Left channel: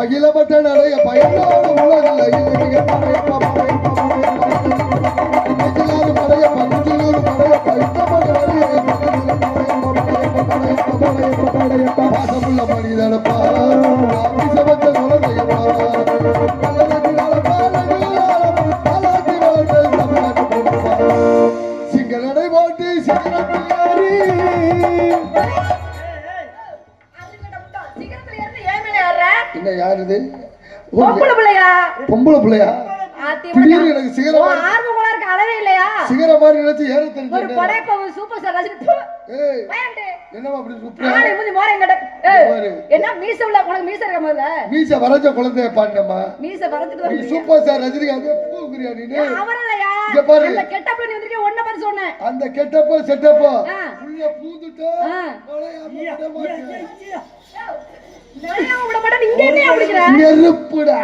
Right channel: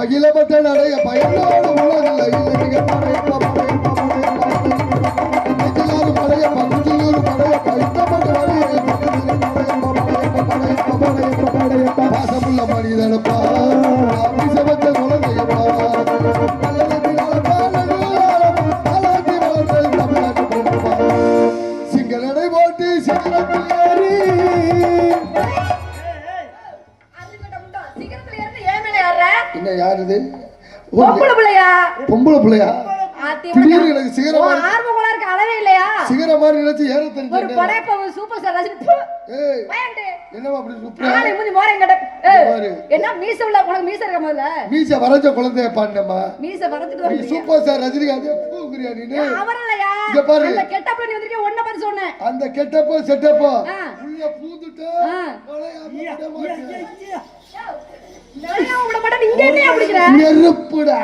பகிலப்பட்ட நடைய பயனோடு உலகில் படைய பகுதியோடு படைய பைத்தப்பட்ட பாசமுள்ள மனிதனப்பா சமத்த குழந்தையப்பா சிங்களடை போட்டு என்ன யாரு இது? பொம்பளை பிள்ளையா? திடீர்னு எனக்கு சிகரம் சிகர மாதிரி நினைச்சு ஏற தெரிஞ்சு என்னமா அப்படி மீச வரைஞ்ச குழந்தைய பாண்டமா சூப்பர் ஸ்டார் ரஜினிகாந்த் பாரு அந்த கெட்டப்ப செட்டப்ப உள்ள பூந்துட்டா நெருப்புடா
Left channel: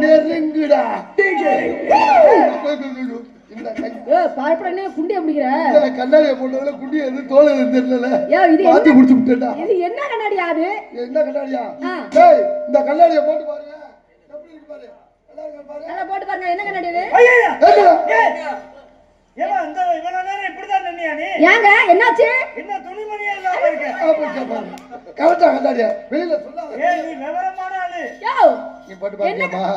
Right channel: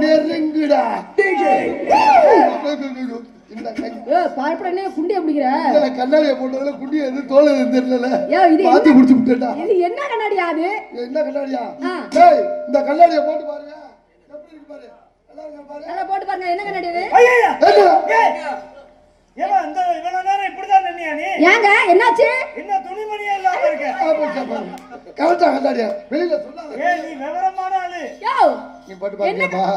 நெருங்குடா கண்ணாடிய போட்டதுல குண்டி எது தோல் தெரியல மாத்தி குடிச்சு விட்டா என்ன கண்ணாடியா அது? என்ன கண்ணாடியா? இந்த கண்ணாடிய போட்டு பாருங்க எப்படி இருக்கு பாரு அத போட்டு பாருங்க என்ன கண்ணாடி அது? ஏமா இந்த இவ்வளவு நேரம் இப்படிதான் நின்னியா நீ? ஏங்க என்னாச்சு? என்ன துணிமணியா இல்லாம இருக்க? கரெக்ட்டா கண்ணாடிய வெளியில சொல்லாத. நீ விவரமான ஆளு. நீ போட்டு பாருமா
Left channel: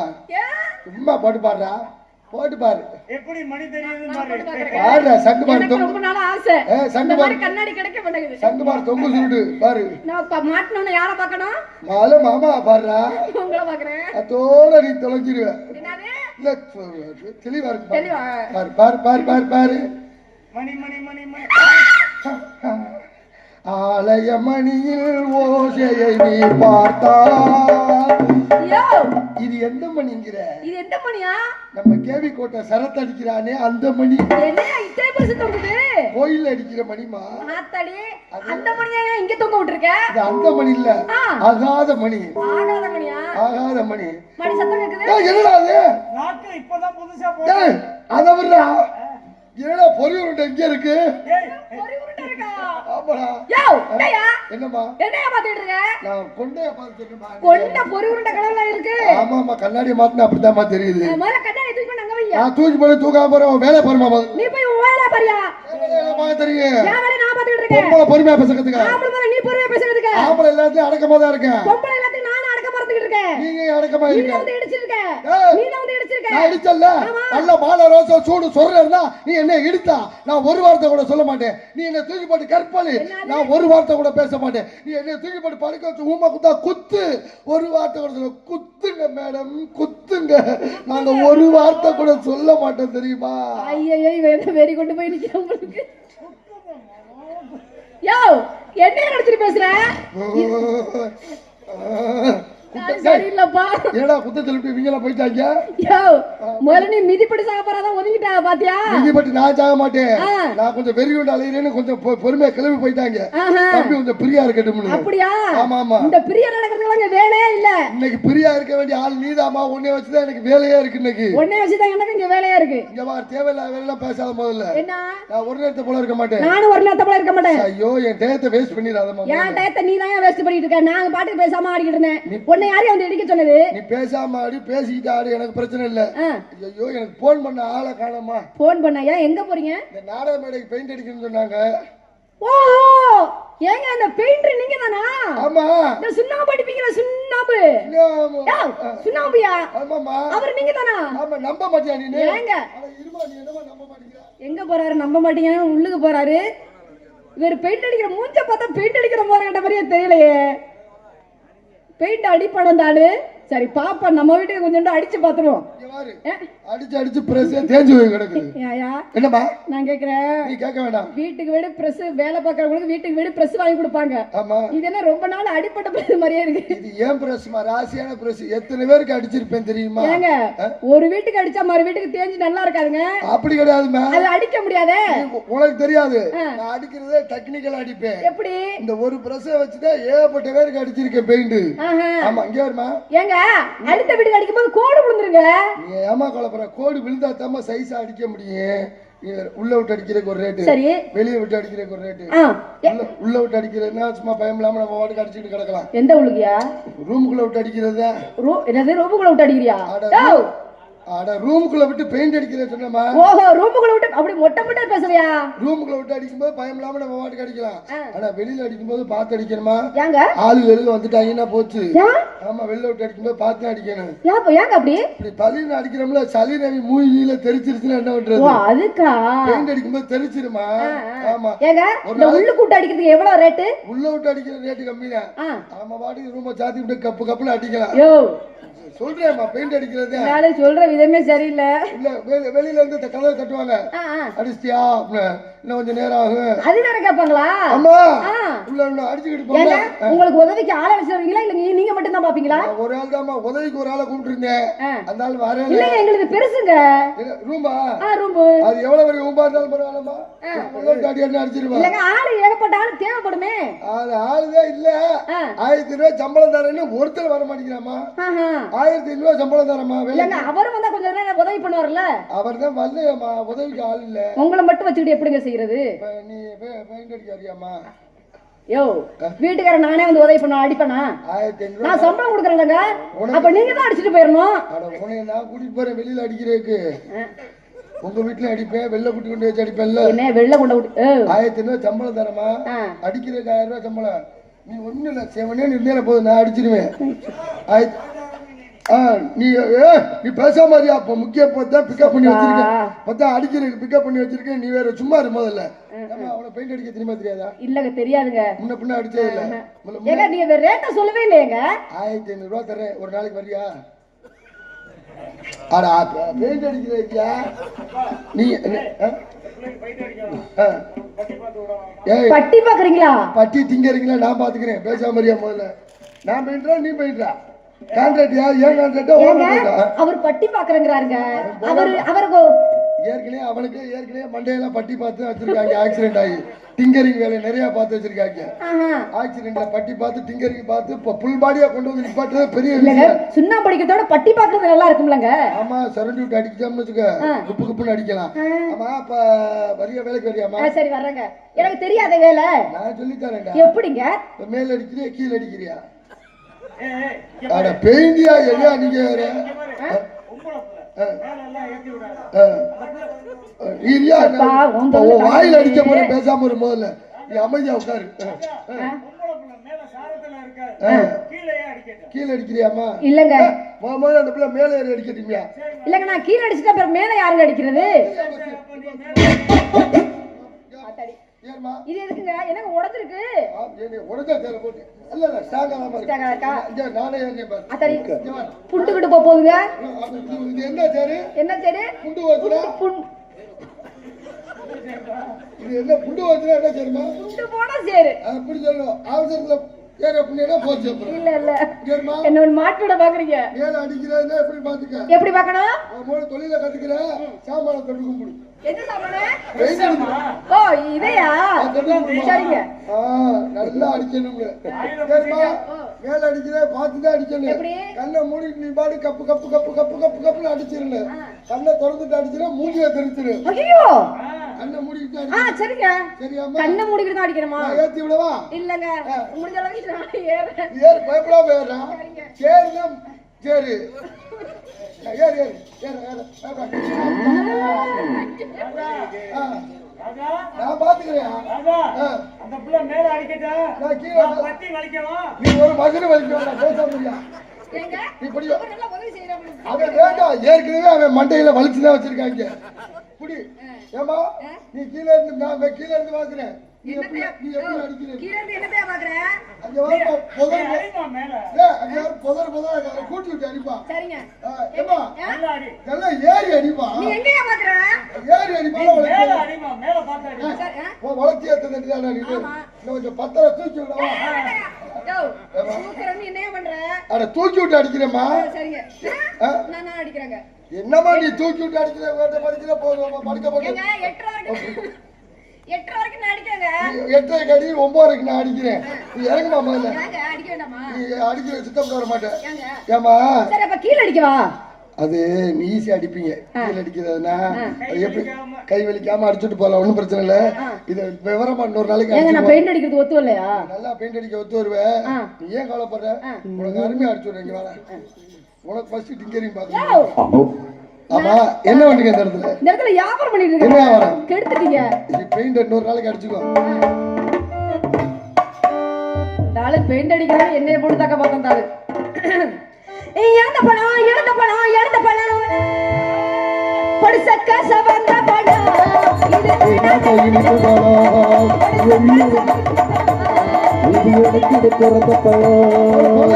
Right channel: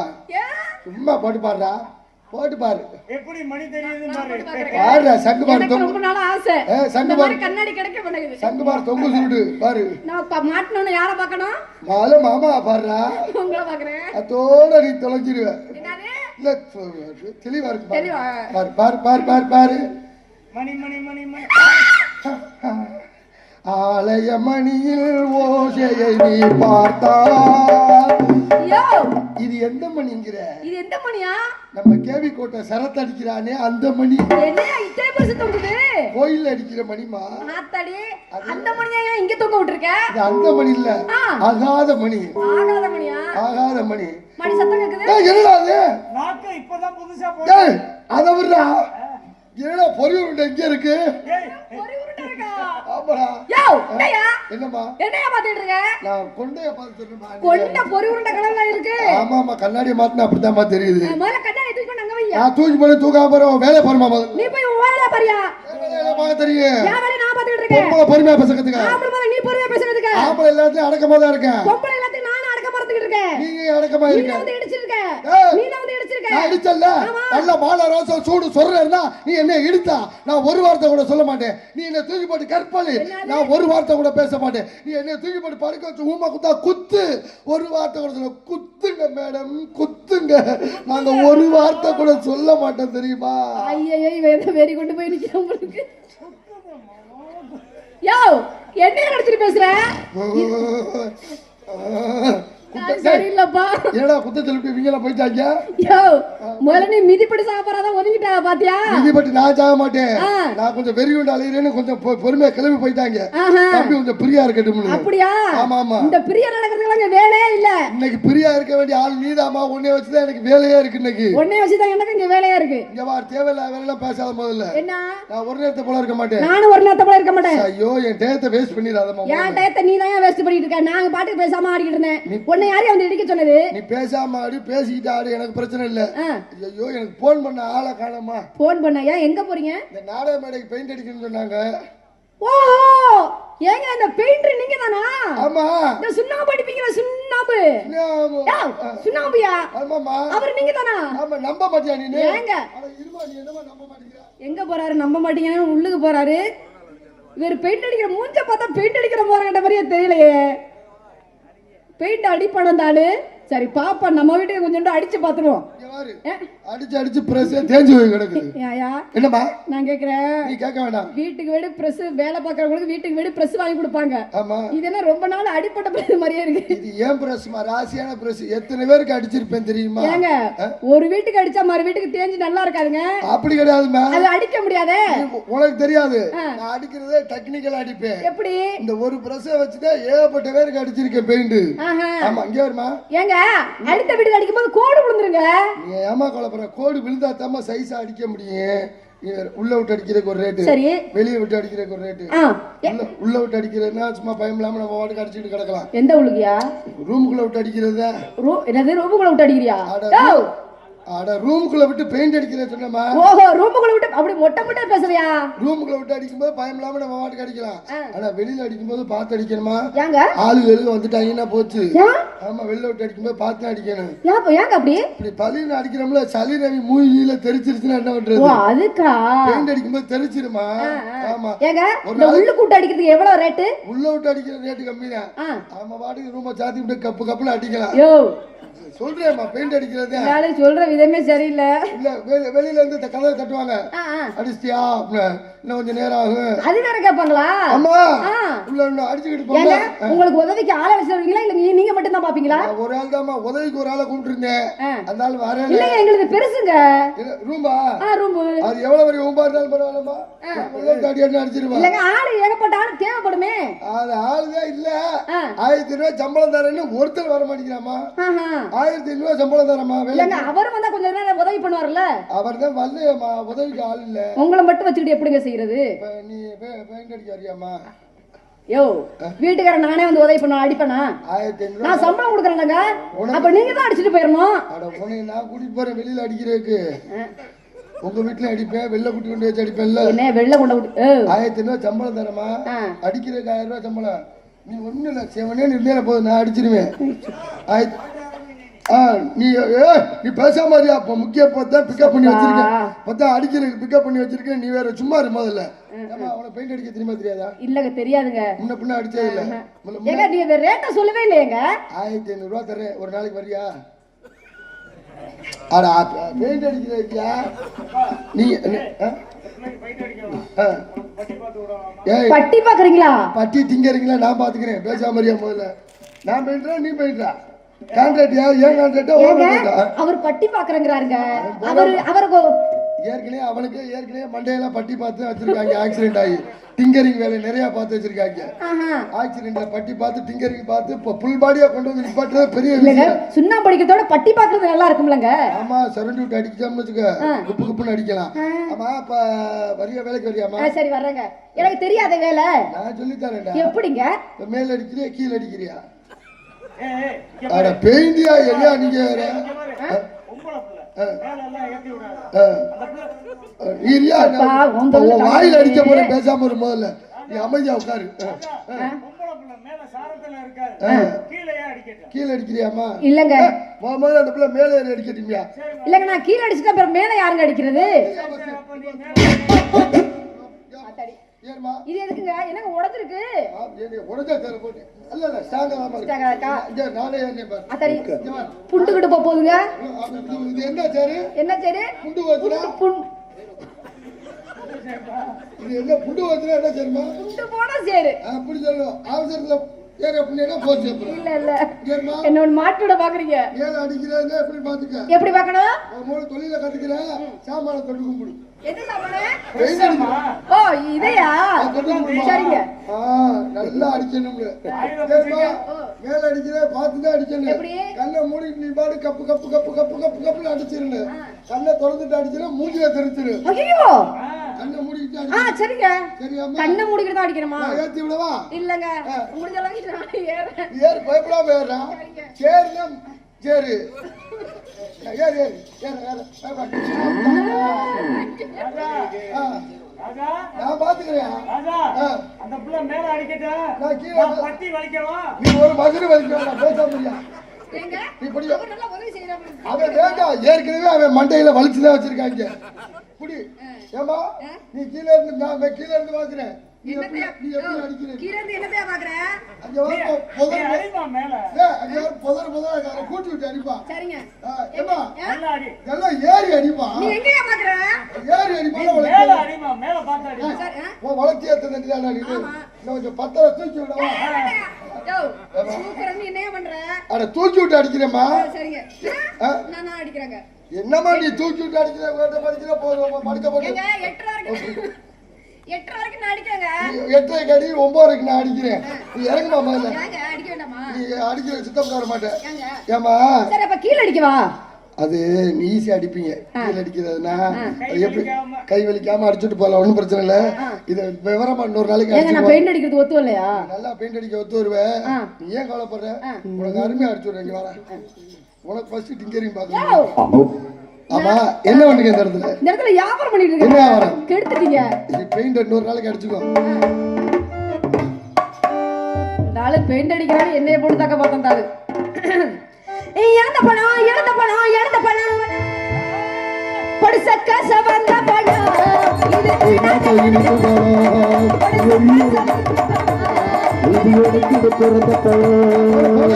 சும்மா போட்டு பாருடா போட்டு பாரு எப்படி மணி தெரியுதுன்னு பாரு பாரு சங்கு பாரு ரொம்ப நாள் ஆசை சங்கு பாரு கண்ணாடி கிடைக்க மாட்டேங்குது சங்கு பாரு தொங்கு சுருடு பாரு நான் மாட்டணும்னு யாரை பார்க்கணும்? மால மாமா பாருடா உங்களை பார்க்கறேன் அதோட நீ தொலைஞ்சிருவ என்னது இல்ல தெளிவா இருக்கு தெளிவா பாரு பாரு பாரு பாரு பாரு மணி மணி மணி மணி ஆலய மணியில் ஓசையை நீ பார்த்தா இது எந்த மணிங்கிற? இது எந்த மணியா? நம்ம கேவி கோட்டை சரத்து அடிக்கிறானே அந்த மணி. என்ன இத்தனை பெருசு தொங்குது? கோயில்ல அடிக்கிற மணிமா. ஆத்தாடி அந்த மணியா இங்க தொங்க விட்டுருக்க? இது அந்த மணி இல்ல ஆகாத மணி. ஆகாத மணியா? ஆகாத மணி. மணி சத்தம் கேக்குது. என்னடா அது? நாக்கு இப்பதான் புதுசா போடுற. அத விடுடா. என்னடா பொறி உருண்டை எங்க இருக்கு? பொறி உருண்டை இருக்கா? ஆமாடா. டேயா என்னம்மா? என்னைய பாத்துட்டு இருக்க? நான் கொண்டைய பாத்துட்டேன்மா. கொண்ட பொறி உருண்டை கலர்ல இருக்கு. ஆமாமா கண்ணாடி மாத்தினா அப்படிதான் தெரியுது. மேல கண்ணாடி தூக்கி கொண்டு அங்க வையா. நான் தூக்கி போய் தூக்காம போறேன் வேலை பாருமா. நீ போய் வேலை பாரியா. வேலை பார்க்க தெரியும். நான் வேலை நான் பாத்துட்டு இருக்கேன். பொம்பளை பொறுமையா பேசுறதுக்கு. ஆம்பளை நீ பொறுமையா பேசுறதுக்கு. ஆம்பளை எல்லாத்தையும் அடக்கமா தான் இருக்கேன். பொம்பளை எல்லாத்தையும் நான் அடக்கமா இருந்துட்டு இருக்கேன். நீங்க அடக்கமா இருக்க. நீ வந்து இடிச்சிருக்க. நீ வந்து இடிச்சிருக்க. நான் இடிச்சல்ல. நல்ல மாலை ரோசா சூடு சொல்றேன்னா நீ என்ன இடிச்சா நான் ஒரு வார்த்தை கூட சொல்ல மாட்டேன். நீ என்ன தூக்கி போட்டு கற்பழி நான் ஒரு வார்த்தை கூட பேச மாட்டேன். நீ என்ன தூக்கி போட்டு படுக்க வச்சு ஊமா குத்தா குத்து ஒரு வார்த்தை கூட சொல்ல குத்துங்க மேடம் குத்துங்க. நாங்க ஒரு வார்த்தை கூட சொல்ல மாட்டோம் தெரியுமா? ஐயையோ வேற வெறி கொண்டு போய் நிக்கிறேன் உங்களுக்கு. யோ என்ன நினைச்சிட்டு பேசுற? சரியில்லப்பா. ஏடா குத்தத்துல விட்டு இவங்க போயிட்டாங்க. யோ முதல்ல நீ மிதிப்படி சாப்பிடாத ஒதுங்கிட்டா பாத்தியா? மிதிப்படி நான் சாக மாட்டேன். நான் கொஞ்சம் வெறி கொண்டு அலையிறேன்னு கொஞ்சம் பொறுமையா கிளம்பி போயிட்டாங்க. தம்பி கொஞ்சம் பிரியா இருக்கட்டும். அப்படியா? ஆமா ஆமா. இந்த பிரியா நடக்கிறதுல இங்க வேலையே இல்ல. இன்னைக்கு பிரியா இருக்க வேண்டிய ஆள் நீதாமா. உன்னை வச்சுதான் எனக்கு வேலையே இருக்கு. இன்னைக்கு உன்னை வச்சுதான் எனக்கு இங்க வேலையா இருக்கு. இங்க வா தேவையில்ல வேலை பேசாத முதல்ல. என்ன? நான் ஒரு நேரத்தை போல இருக்க மாட்டேன். நானும் ஒரு நேரத்தை போல இருக்க மாட்டேன். ஐயோ என் டயத்தை வேஸ்ட் பண்ணிடாதம்மா. என் டயத்தை நீ தான் வேஸ்ட் பண்ணிட்டு இருக்க. நாங்க பாட்டுக்கு பேசாம ஆடிக்கிட்டு இருந்தேன். உன்னை யாரையும் வந்து இடிக்க சொன்னது? நீ பேசாம ஆடி பேசிக்கிட்டு ஆடு எனக்கு பிரச்சனை இல்ல. ஐயோ எனக்கு போன் பண்ண ஆளை காணோமா. போன் பண்ணையா எங்க போறீங்க? இந்த நாடக மேடைக்கு பெயிண்ட் அடிக்கணும்னு சொன்னாங்க. ஓஹோ ஏங்க அந்த பெயிண்டர் நீங்க தானா? ஆமா. இந்த சுண்ணாம்பு அடிப்பீங்க சுண்ணாம்பு. சுண்ணாம்பியா? ஆமாமா. அவர் நீங்க தானா? ஆமா. நம்ப மாட்டியா நீ? ஏங்க அட இருமா நீ என்னமா நம்ப மாட்டீங்க? எங்க போறாரு? நம்ப மாட்டீங்கன்னா உள்ளுக்கு போறாரு. இவர் பெயிண்ட் அடிக்கிற மூஞ்ச பார்த்தா பெயிண்ட் அடிக்கிற போறட்ட மாதிரியே தெரியலையே. பெயிண்ட் அடிப்படம் தானு. சரி பாப்பா நம்ம வீட்டுக்கு கொஞ்சம் அடிச்சு பாத்துருவோம். அடிச்சு அடிச்சு பிரஸ் தேஞ்சு போய் கிடக்குது. என்னமா நான் கேக்குறேன்? நீ கேட்க வேண்டாம். வீட்டுக்கு வீடு பிரஸ் வேலை பார்க்கறவங்களுக்கு வீட்டுக்கு வீடு பிரஸ் வாங்கி கொடுப்பாங்க. ஆமா. இதெல்லாம் ரொம்ப நாள் அடிப்பட்ட பிரஸ் மாதிரியே இருக்கு. இது ஏன் பிரஸ்மா? ராசியான பிரஸ். எத்தனை பேருக்கு அடிச்சிருப்பேன் தெரியுமா? ஏங்க ஒரு வீட்டுக்கு அடிச்சா மறு வீட்டுக்கு தேஞ்சு நல்லா இருக்காதுங்க. அப்படி கிடையாதுமா. அது அடிக்க முடியாதே. உனக்கு தெரியாது. நான் அடிக்கிறதே டெக்னிக்கலா அடிப்பேன். எப்படி? இந்த ஒரு பிரஸ் வச்சுதான் ஏகப்பட்ட பேருக்கு அடிச்சிருக்கேன் பெயிண்ட். ஆமா இங்க வருமா? ஏங்க அடுத்த வீட்டுக்கு அடிக்கும்போது கோடு விழுந்துருங்க. நீ ஏமா கலப்பற? கோடு விழுந்தா தாமா சைஸா அடிக்க முடியும். நீ வேற உள்ள விட்டு அடிக்கிறதுக்கு ஒரு ரேட்டு, சரி வெளியே விட்டு அடிக்கிறதுக்கு ஒரு ரேட்டு. ஆ உள்ள விட்டு அடிக்கிறதுனா சும்மா பயம் இல்லாம நம்ம வாட்டுக்கு அடிச்சுட்டு கிடக்கலாம். எந்த உள்ளுக்கியா ரூமுக்குள்ள விட்டு அடிக்கிறது, என்னது ரூமுக்குள்ள விட்டு அடிக்கிறியா? அட ரூமுக்குள்ள விட்டு பெயிண்ட் அடிக்கிறது சொன்னமா. ஓஹோ ரூமுக்குள்ள விட்டு அப்படி மொட்டை மொட்டை பேசுறியா? ரூமுக்குள்ள விட்டு அடிக்கும்போது பயம் இல்லாம நம்ம வாட்டுக்கு அடிக்கலாம். ஆனா வெளியில அடிக்கும்போது பார்த்து அடிக்கணுமா? ஏங்க ஆளுகளுக்கு வந்துட்டாங்கன்னா போச்சு. ஏன்? ஆமா, வெளில விட்டு அடிக்கும்போது பார்த்து அடிக்கணும். ஏங்க அப்படி இப்படி பலின்னு அடிக்கிறோம்ல, சளி ரவி மூஞ்சில தெரிச்சிருச்சுன்னா என்ன பண்றது? ஓ அதுக்கா பெயிண்ட் அடிக்கும்போது தெரிச்சிருமா. ஆமா, ஏங்க இந்த உள்ளு கூட்டு அடிக்கிறதுக்கு எவ்வளவு ரேட்டு? உள்ள விட்டு அடிக்கிற ரேட்டு கம்மி தான். ஆமா, வாட்டுக்கு ரூம சாத்தி விட்டு கப்பு கப்புல அடிக்கலாம். யோ சொல்றேம்மா, பெயிண்ட் அடிக்கிறது நாளை சொல்ற விதமே சரியில்லை. இல்ல வெளியில இருந்து கதவை தட்டுவாங்க, அடிச்சிட்டியா இன்னும் கொஞ்சம் நேரம் ஆகும். அது நேரம் கேட்பாங்களா? ஆமா, உள்ள அடிச்சுக்கிட்டு போங்க. உங்களுக்கு உதவிக்கு ஆளை வச்சிருக்கீங்களா இல்ல நீங்க மட்டும் தான் பாப்பீங்களா? ஒரு ஆள் தான்மா, உதவிக்கு ஒரு ஆளை கூப்பிட்டு இருந்தேன். அந்த ஆள் வரல. இல்லங்க எங்களுக்கு பெருசுங்க ரூம்பா. ரூம் அது எவ்வளவு பெரிய ரூம்பா இருந்தாலும் பரவாயில்லமா, அடிச்சிருவா. இல்லங்க ஆளு ஏகப்பட்ட ஆளு தேவைப்படுமே. அது ஆளுதான் இல்ல. 1000 ரூபாய் சம்பளம் தரேன்னு ஒருத்தர் வர மாட்டேங்கிறாமா. 1500 ரூபாய் சம்பளம் தரமா. இல்லங்க அவர் வந்தா கொஞ்ச நேரம் உதவி பண்ணுவார்ல. அவர் தான் வரலையம்மா, உதவிக்கு ஆள் இல்ல. உங்களை மட்டும் வச்சுக்கிட்டு எப்படிங்க செய்யறது? நீ பெயிண்ட் அடிக்க அறியாமா? யோ வீட்டுக்காரன் நானே வந்து உதவி பண்ண அடிப்பேனா? 1500 நான் சம்பளம் கொடுக்குறேன்லங்க. அப்ப நீங்க தான் அடிச்சிட்டு போயிடணும். நான் கூட்டிட்டு போறேன் வெளியில அடிக்கிறதுக்கு. உங்க வீட்டுல அடிப்பேன், வெளில கூட்டி கொண்டு வச்சு அடிப்பேன்ல. என்ன வெளில கொண்டு 1500 ரூபாய் சம்பளம் தரமா, அடிக்கிறதுக்கு 1000 ரூபாய் சம்பளம். நீ ஒண்ணு இல்ல, செவனே நிர்ணயில போதும், நான் அடிச்சிருவேன். நீ பேசாம மாதிரியா? அப்ப முக்கிய பார்த்தா பிக்கப் பண்ணி வச்சிருக்கேன், பார்த்தா அடிக்கிறதுக்கு பிக்கப் பண்ணி வச்சிருக்கேன். நீ வேற சும்மா இரு முதல்ல. அவனை பெயிண்ட் அடிக்க தெரியுமா தெரியாதா? இல்லங்க தெரியாதுங்க, முன்ன பின்ன அடிச்சே இல்ல. ஏங்க நீங்க ரேட்ட சொல்லவே இல்லையேங்க. 1500 ரூபாய் தரேன், ஒரு நாளைக்கு வரியா? அட பெயிண்ட் அடிக்கிறீங்க நீ. பட்டி பாக்குறீங்களா? பட்டி திங்கறீங்களா? நான் பாத்துக்கிறேன், பேசாம மாதிரியா முதல்ல. நான் பெயிண்ட்ரா நீ பெயிண்ட்ரா? கான்ட்ராக்டியா? ஏன் கான்ட்ராக்டா? அவர் பட்டி பாக்குறங்கறாருங்க. அவருக்கு ஏற்கனவே மண்டையெல்லாம் பட்டி பார்த்து வச்சிருக்காங்க. ஆக்சிடென்ட் ஆகி டிங்கரிங் வேலை நிறைய பார்த்து வச்சிருக்காங்க. ஆக்சிடென்ட்ல பட்டி பார்த்து டிங்கரிங் பார்த்து புல் பாடியா கொண்டு வந்து நிப்பாட்டுறது பெரிய விஷயம். சுண்ணாம்பு அடிக்கிறதோட பட்டி பார்க்கறது நல்லா இருக்கும்லங்க. ஆமா, சரண்டு விட்டு அடிக்காம வச்சுக்க, குப்பு குப்புன்னு அடிக்கலாம். ஆமா, அப்ப வரிய வேலைக்கு வரியாமா? சரி வர்றேங்க. எனக்கு தெரியாத வேலை நான் சொல்லி தரேன்டா. எப்படிங்க? மேல அடிக்கிறியா கீழே அடிக்கிறியா? அட பெயிண்டியா என்ன நீங்க வாயில அடிக்க போற, பேசாம ஒரு முதல்ல நீ அமைதியா உட்காரு. கீழே அடிக்கிறியாமா? இல்லங்க முதல்ல அந்த பிள்ளை மேல ஏறி அடிக்கிறீங்களா? இல்லங்க நான் கீழே அடிச்சுட்டு அப்புறம் மேல யாருங்க அடிக்கிறது? இது எதுக்குங்க? எனக்கு உடைஞ்சிருக்கு. புண்டுகிட்டு போகுதுங்க. என்ன சேரு? என்ன சேரு? புண்டு வச்சுனா இது என்ன புண்டு வச்சுனா என்ன சேருமா? புண்டு போட சேரு அப்படி சொல்லுவோம். அவசரத்துல ஏற புண்ணியனா போச்சு. இல்ல இல்ல என்னோட மாட்டோட பாக்குறீங்க. ஏற அடிக்கிறதுனா எப்படி பாத்துக்க? எப்படி பார்க்கணும்? மூணு தொழில கத்துக்கிற சாமான தொட்டு கும்பிடு. என்ன சாமானே? ஓ இதையா? சரிங்க. நல்லா அடிக்கணும்னு மேல அடிக்கிற பார்த்துதான் அடிக்கணும். கண்ணை மூடி நீ பாடு cup cup cup cup cup கப்புன்னு அடிச்சிருங்க. கண்ணை திறந்துட்டு அடிச்சிட மூஞ்சில தெரிச்சிரு. ஐயோ கண்ணை மூடிக்கிட்டு அடி. சரிங்க. சரியாமா? கண்ணை மூடிக்கிட்டு தான் அடிக்கணுமா? ஏத்தி விடவா? இல்லங்க முடிஞ்ச அளவுக்கு நான் ஏறு. ஏறு பயப்படாம ஏறா. சேருங்க சேரு. ஏறு ஏறு ஏறு நான் பாத்துக்கிறேன். அந்த புள்ள மேல அடிக்கட்டா, நான் கீழே பட்டி வலிக்கவா? நீ ஒரு மகனை வலிக்கவா? பேச முடியா? இப்படி அவன் வேண்டாம், ஏற்கனவே அவன் மண்டையில வலிச்சுதான் வச்சிருக்காங்க. இப்படி ஏமா நீ கீழே இருந்து நான் கீழே இருந்து பாக்குறேன். நீ எப்படி அடிக்கிற? கீழே இருந்து என்னத்தையா பாக்குற? அங்க வா புதர் அடிமா மேல. அங்க புதர் கூட்டி விட்டு அடிப்பா. சரிங்க. ஏமா நல்லா அடி. நல்லா ஏறி அடிப்பா. நீ எங்கயா பாக்குற? ஏறி அடிப்பா. மேல அடிமா, மேல பாத்து அடி. ஓ வளர்ச்சி ஏத்தனடியால நீ. கொஞ்சம் பத்தர தூக்கி விடவா? யோ சூப்பரா நீ என்ன பண்ற? அட தூக்கி விட்டு அடிக்கிறேமா. சரிங்க. நான் அடிக்கிறேங்க. என்னமா நீ தூக்கி விட்டு அடிக்கிற? வேற படிக்கிற படுக்க போடு. ஏங்க 8 வரைக்கும் நான் அடிக்கிறேங்க. 8 கடி 9 வரைக்கும் நான் அடிக்கிறேன். நீ இறங்குமா முதல்ல. ஏங்க அடிக்க வேண்டாமா? நீ அடிக்கிற சுத்தம் வர மாட்டே. ஏமா? சரி அப்ப கீழ அடிக்கவா? அது நீ ஈஸியா அடிப்பீங்க கீழே அடிக்கிறதுனா அது எப்படி கை வலிக்காம அடிச்சுட்டு போகலாம், ஒன்றும் பிரச்சனை இல்லை. இதை விவரமா இன்னொரு நாளைக்கு ஏங்க அடிச்சு நான் பெயிண்ட் அடிக்கிறது ஒத்து இல்லையா? நல்லா பெயிண்ட் அடிக்க ஒத்து வருவேன். நீ ஏன் கவலைப்படுற? உனக்கு அருமையா அடிச்சு விடுறேன். இங்க வர உனக்கு ஃபர்ஸ்ட் டிங்கரிங் பாக்கணும். ஆமா என்ன பண்ணீங்க இந்த இடத்துல? இந்த இடத்துல வியாபாரம் பண்ணிட்டு என்ன இருக்கேன். வியாபாரம்? கெடுத்துட்டீங்க. இது பெயிண்ட் இன்னொரு நாளைக்கு அடிச்சுக்கோ. தாளு பெயிண்ட் அடிக்கிறாரு, என்னைய போட்டு தாக்க பார்த்தோம் தாளு. எழுந்த பழம் எழுந்த பழம் எழுந்த பழம் படிசக்க சவந்த பழம் இது பிறந்த பழம்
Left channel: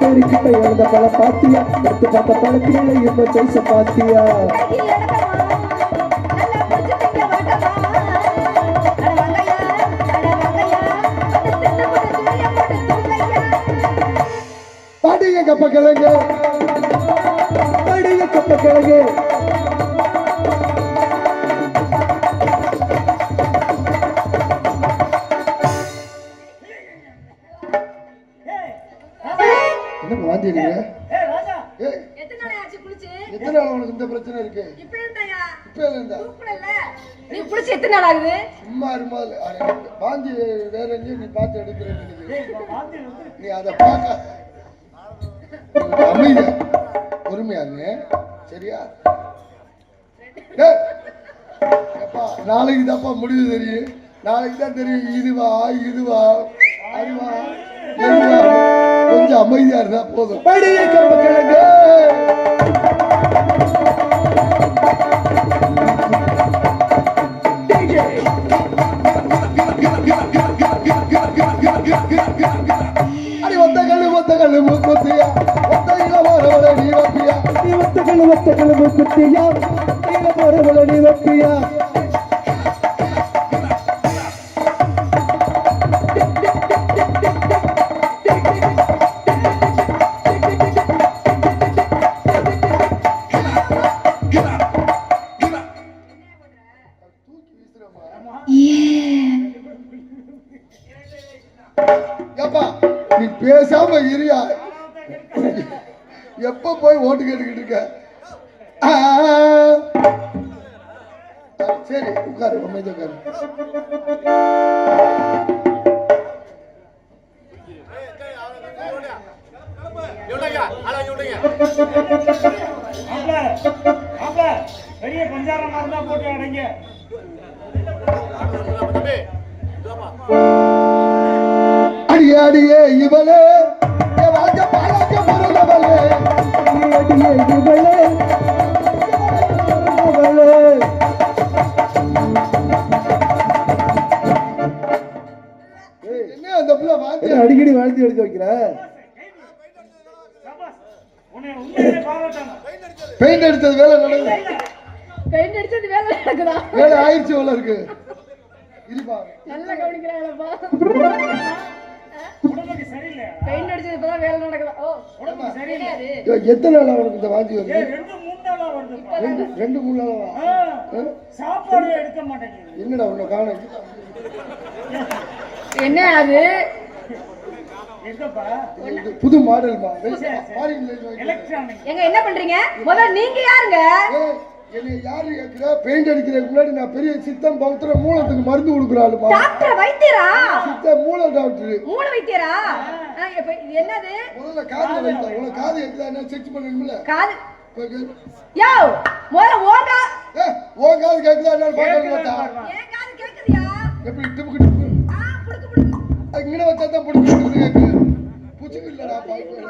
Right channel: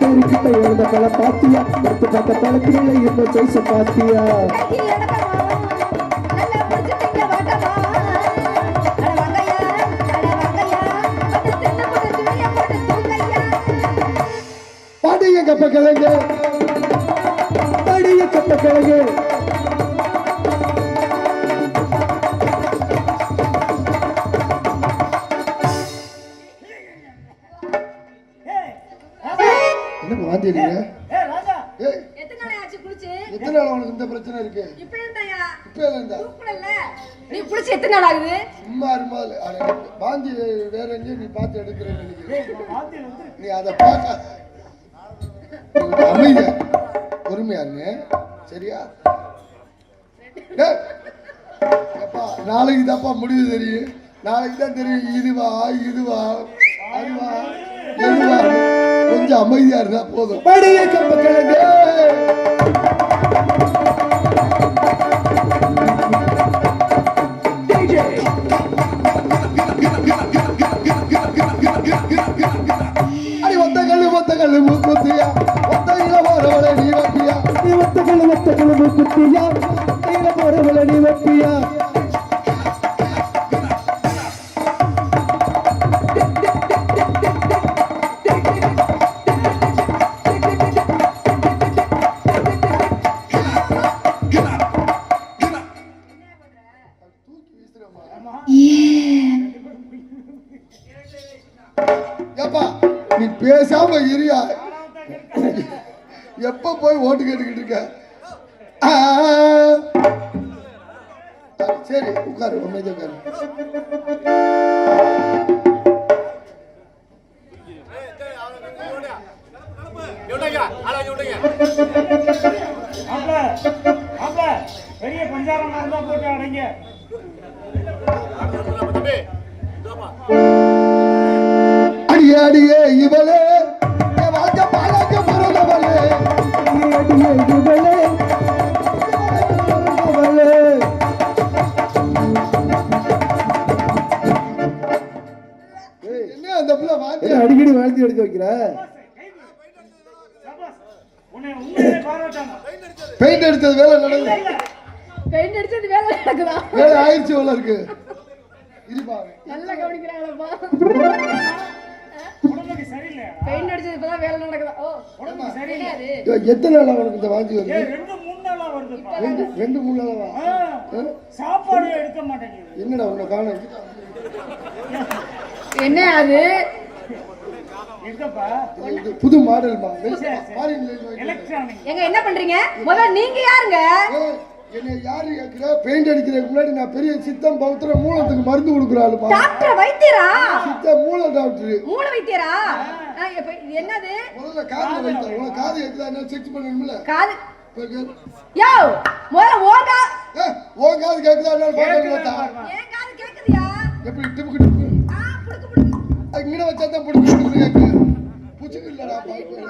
பேருக்கிட்ட எழுந்த பல பாத்தியா எடுத்து பார்த்த பழத்தில இந்த பேச பாத்தியா பாடிய கப்ப கிழங்கு பாடிய கப்ப கிழங்கு என்ன வாந்திடுங்க? ஏய் ராஜா, எத்தனை நாள் ஆச்சு குளிச்சு? எத்தனை நாள் உனக்கு இந்த பிரச்சனை இருக்கு? இப்ப இருந்தாயா? இப்ப இருந்தா தூக்குறல்ல. நீ குளிச்சு எத்தனை நாள் ஆகுது? சும்மா இருமாது வாந்தி வேற எங்கேயும் நீ பார்த்து எடுக்கிறேன்னு நினைக்கிறேன். வாந்தி வந்து நீ அதை பார்க்க அமைதியா பொறுமையா இருங்க சரியா? டேய், அப்பா நாளைக்கு தான்ப்பா முடிவு தெரியும். நாளைக்கு தான் தெரியும் இதுவா அதுவா எதுவா. கொஞ்சம் அமைதியா இருந்தா போதும். கப்ப கிழங்கு ஒத்த கல்லு மூக்குத்தியா ஒத்த இளமாரவளை நீ வப்பியா நீ ஒத்த கல்லு மூக்குத்தியா இளமாரவளை நீ வப்பியா நீ பேசாம இருயா. எப்ப போய் ஓட்டு கேட்டுக்கிட்டு இருக்க? சரி உட்காரு, அமைதி உட்காரு. பெரிய பஞ்சாரம் நடந்தா போட்டு அடைங்க. அடியே அடியே இவளே ராஜ பாலாஜ பிறந்தவளே அடியே இவளே என்ன அந்த புள்ள வாந்தி அடிக்கடி வாந்தி எடுக்க வைக்கிற? பெயிண்ட் அடிச்சது வேலை நடக்குது. பெயிண்ட் அடிச்சது வேலை நடக்குதா? வேலை ஆயிடுச்சு போல இருக்கு. இருப்பா நல்லா கவனிக்கிறாங்களப்பா. உடம்புக்கு சரியில்லை. பெயிண்ட் அடிச்சது இப்பதான் வேலை நடக்குதா? ஓ உடம்புக்கு சரியில்லை. எத்தனை நாள் அவனுக்கு இந்த வாந்தி வருது? 2-3 நாளா வருது. 2-3 நாளா? சாப்பாடு எடுக்க மாட்டேங்குது. என்னடா உன்னை காணோம்? என்ன அது? எங்கப்பா? புது மாடல்மா எலக்ட்ரானிக். எங்க என்ன பண்றீங்க? முதல்ல நீங்க யாருங்க? என்ன யாரு கேக்குற? பெயிண்ட் அடிக்கிறதுக்கு முன்னாடி நான் பெரிய சித்தம் பௌத்திர மூலத்துக்கு மருந்து கொடுக்குறாளுப்பா. டாக்டர் வைத்தியரா? சித்த மூல டாக்டர். மூல வைத்தியரா? என்னது? முதல்ல காதுல வைத்த. உனக்கு காது கேக்குதா? என்ன செக் பண்ணணும்ல? காது யோ முதல்ல ஓகா ஓ காது கேக்குதா? என்ன பாக்கணும்? ஏன் காது கேக்குதியா? எப்படி டிப்புக்கு டிப்பு? புடுக்கு புடுக்கு. இங்கட வச்சா தான் புடுக்கு புடுக்கு கேக்கு. புச்சுக்கு இல்லடா பாக்கல.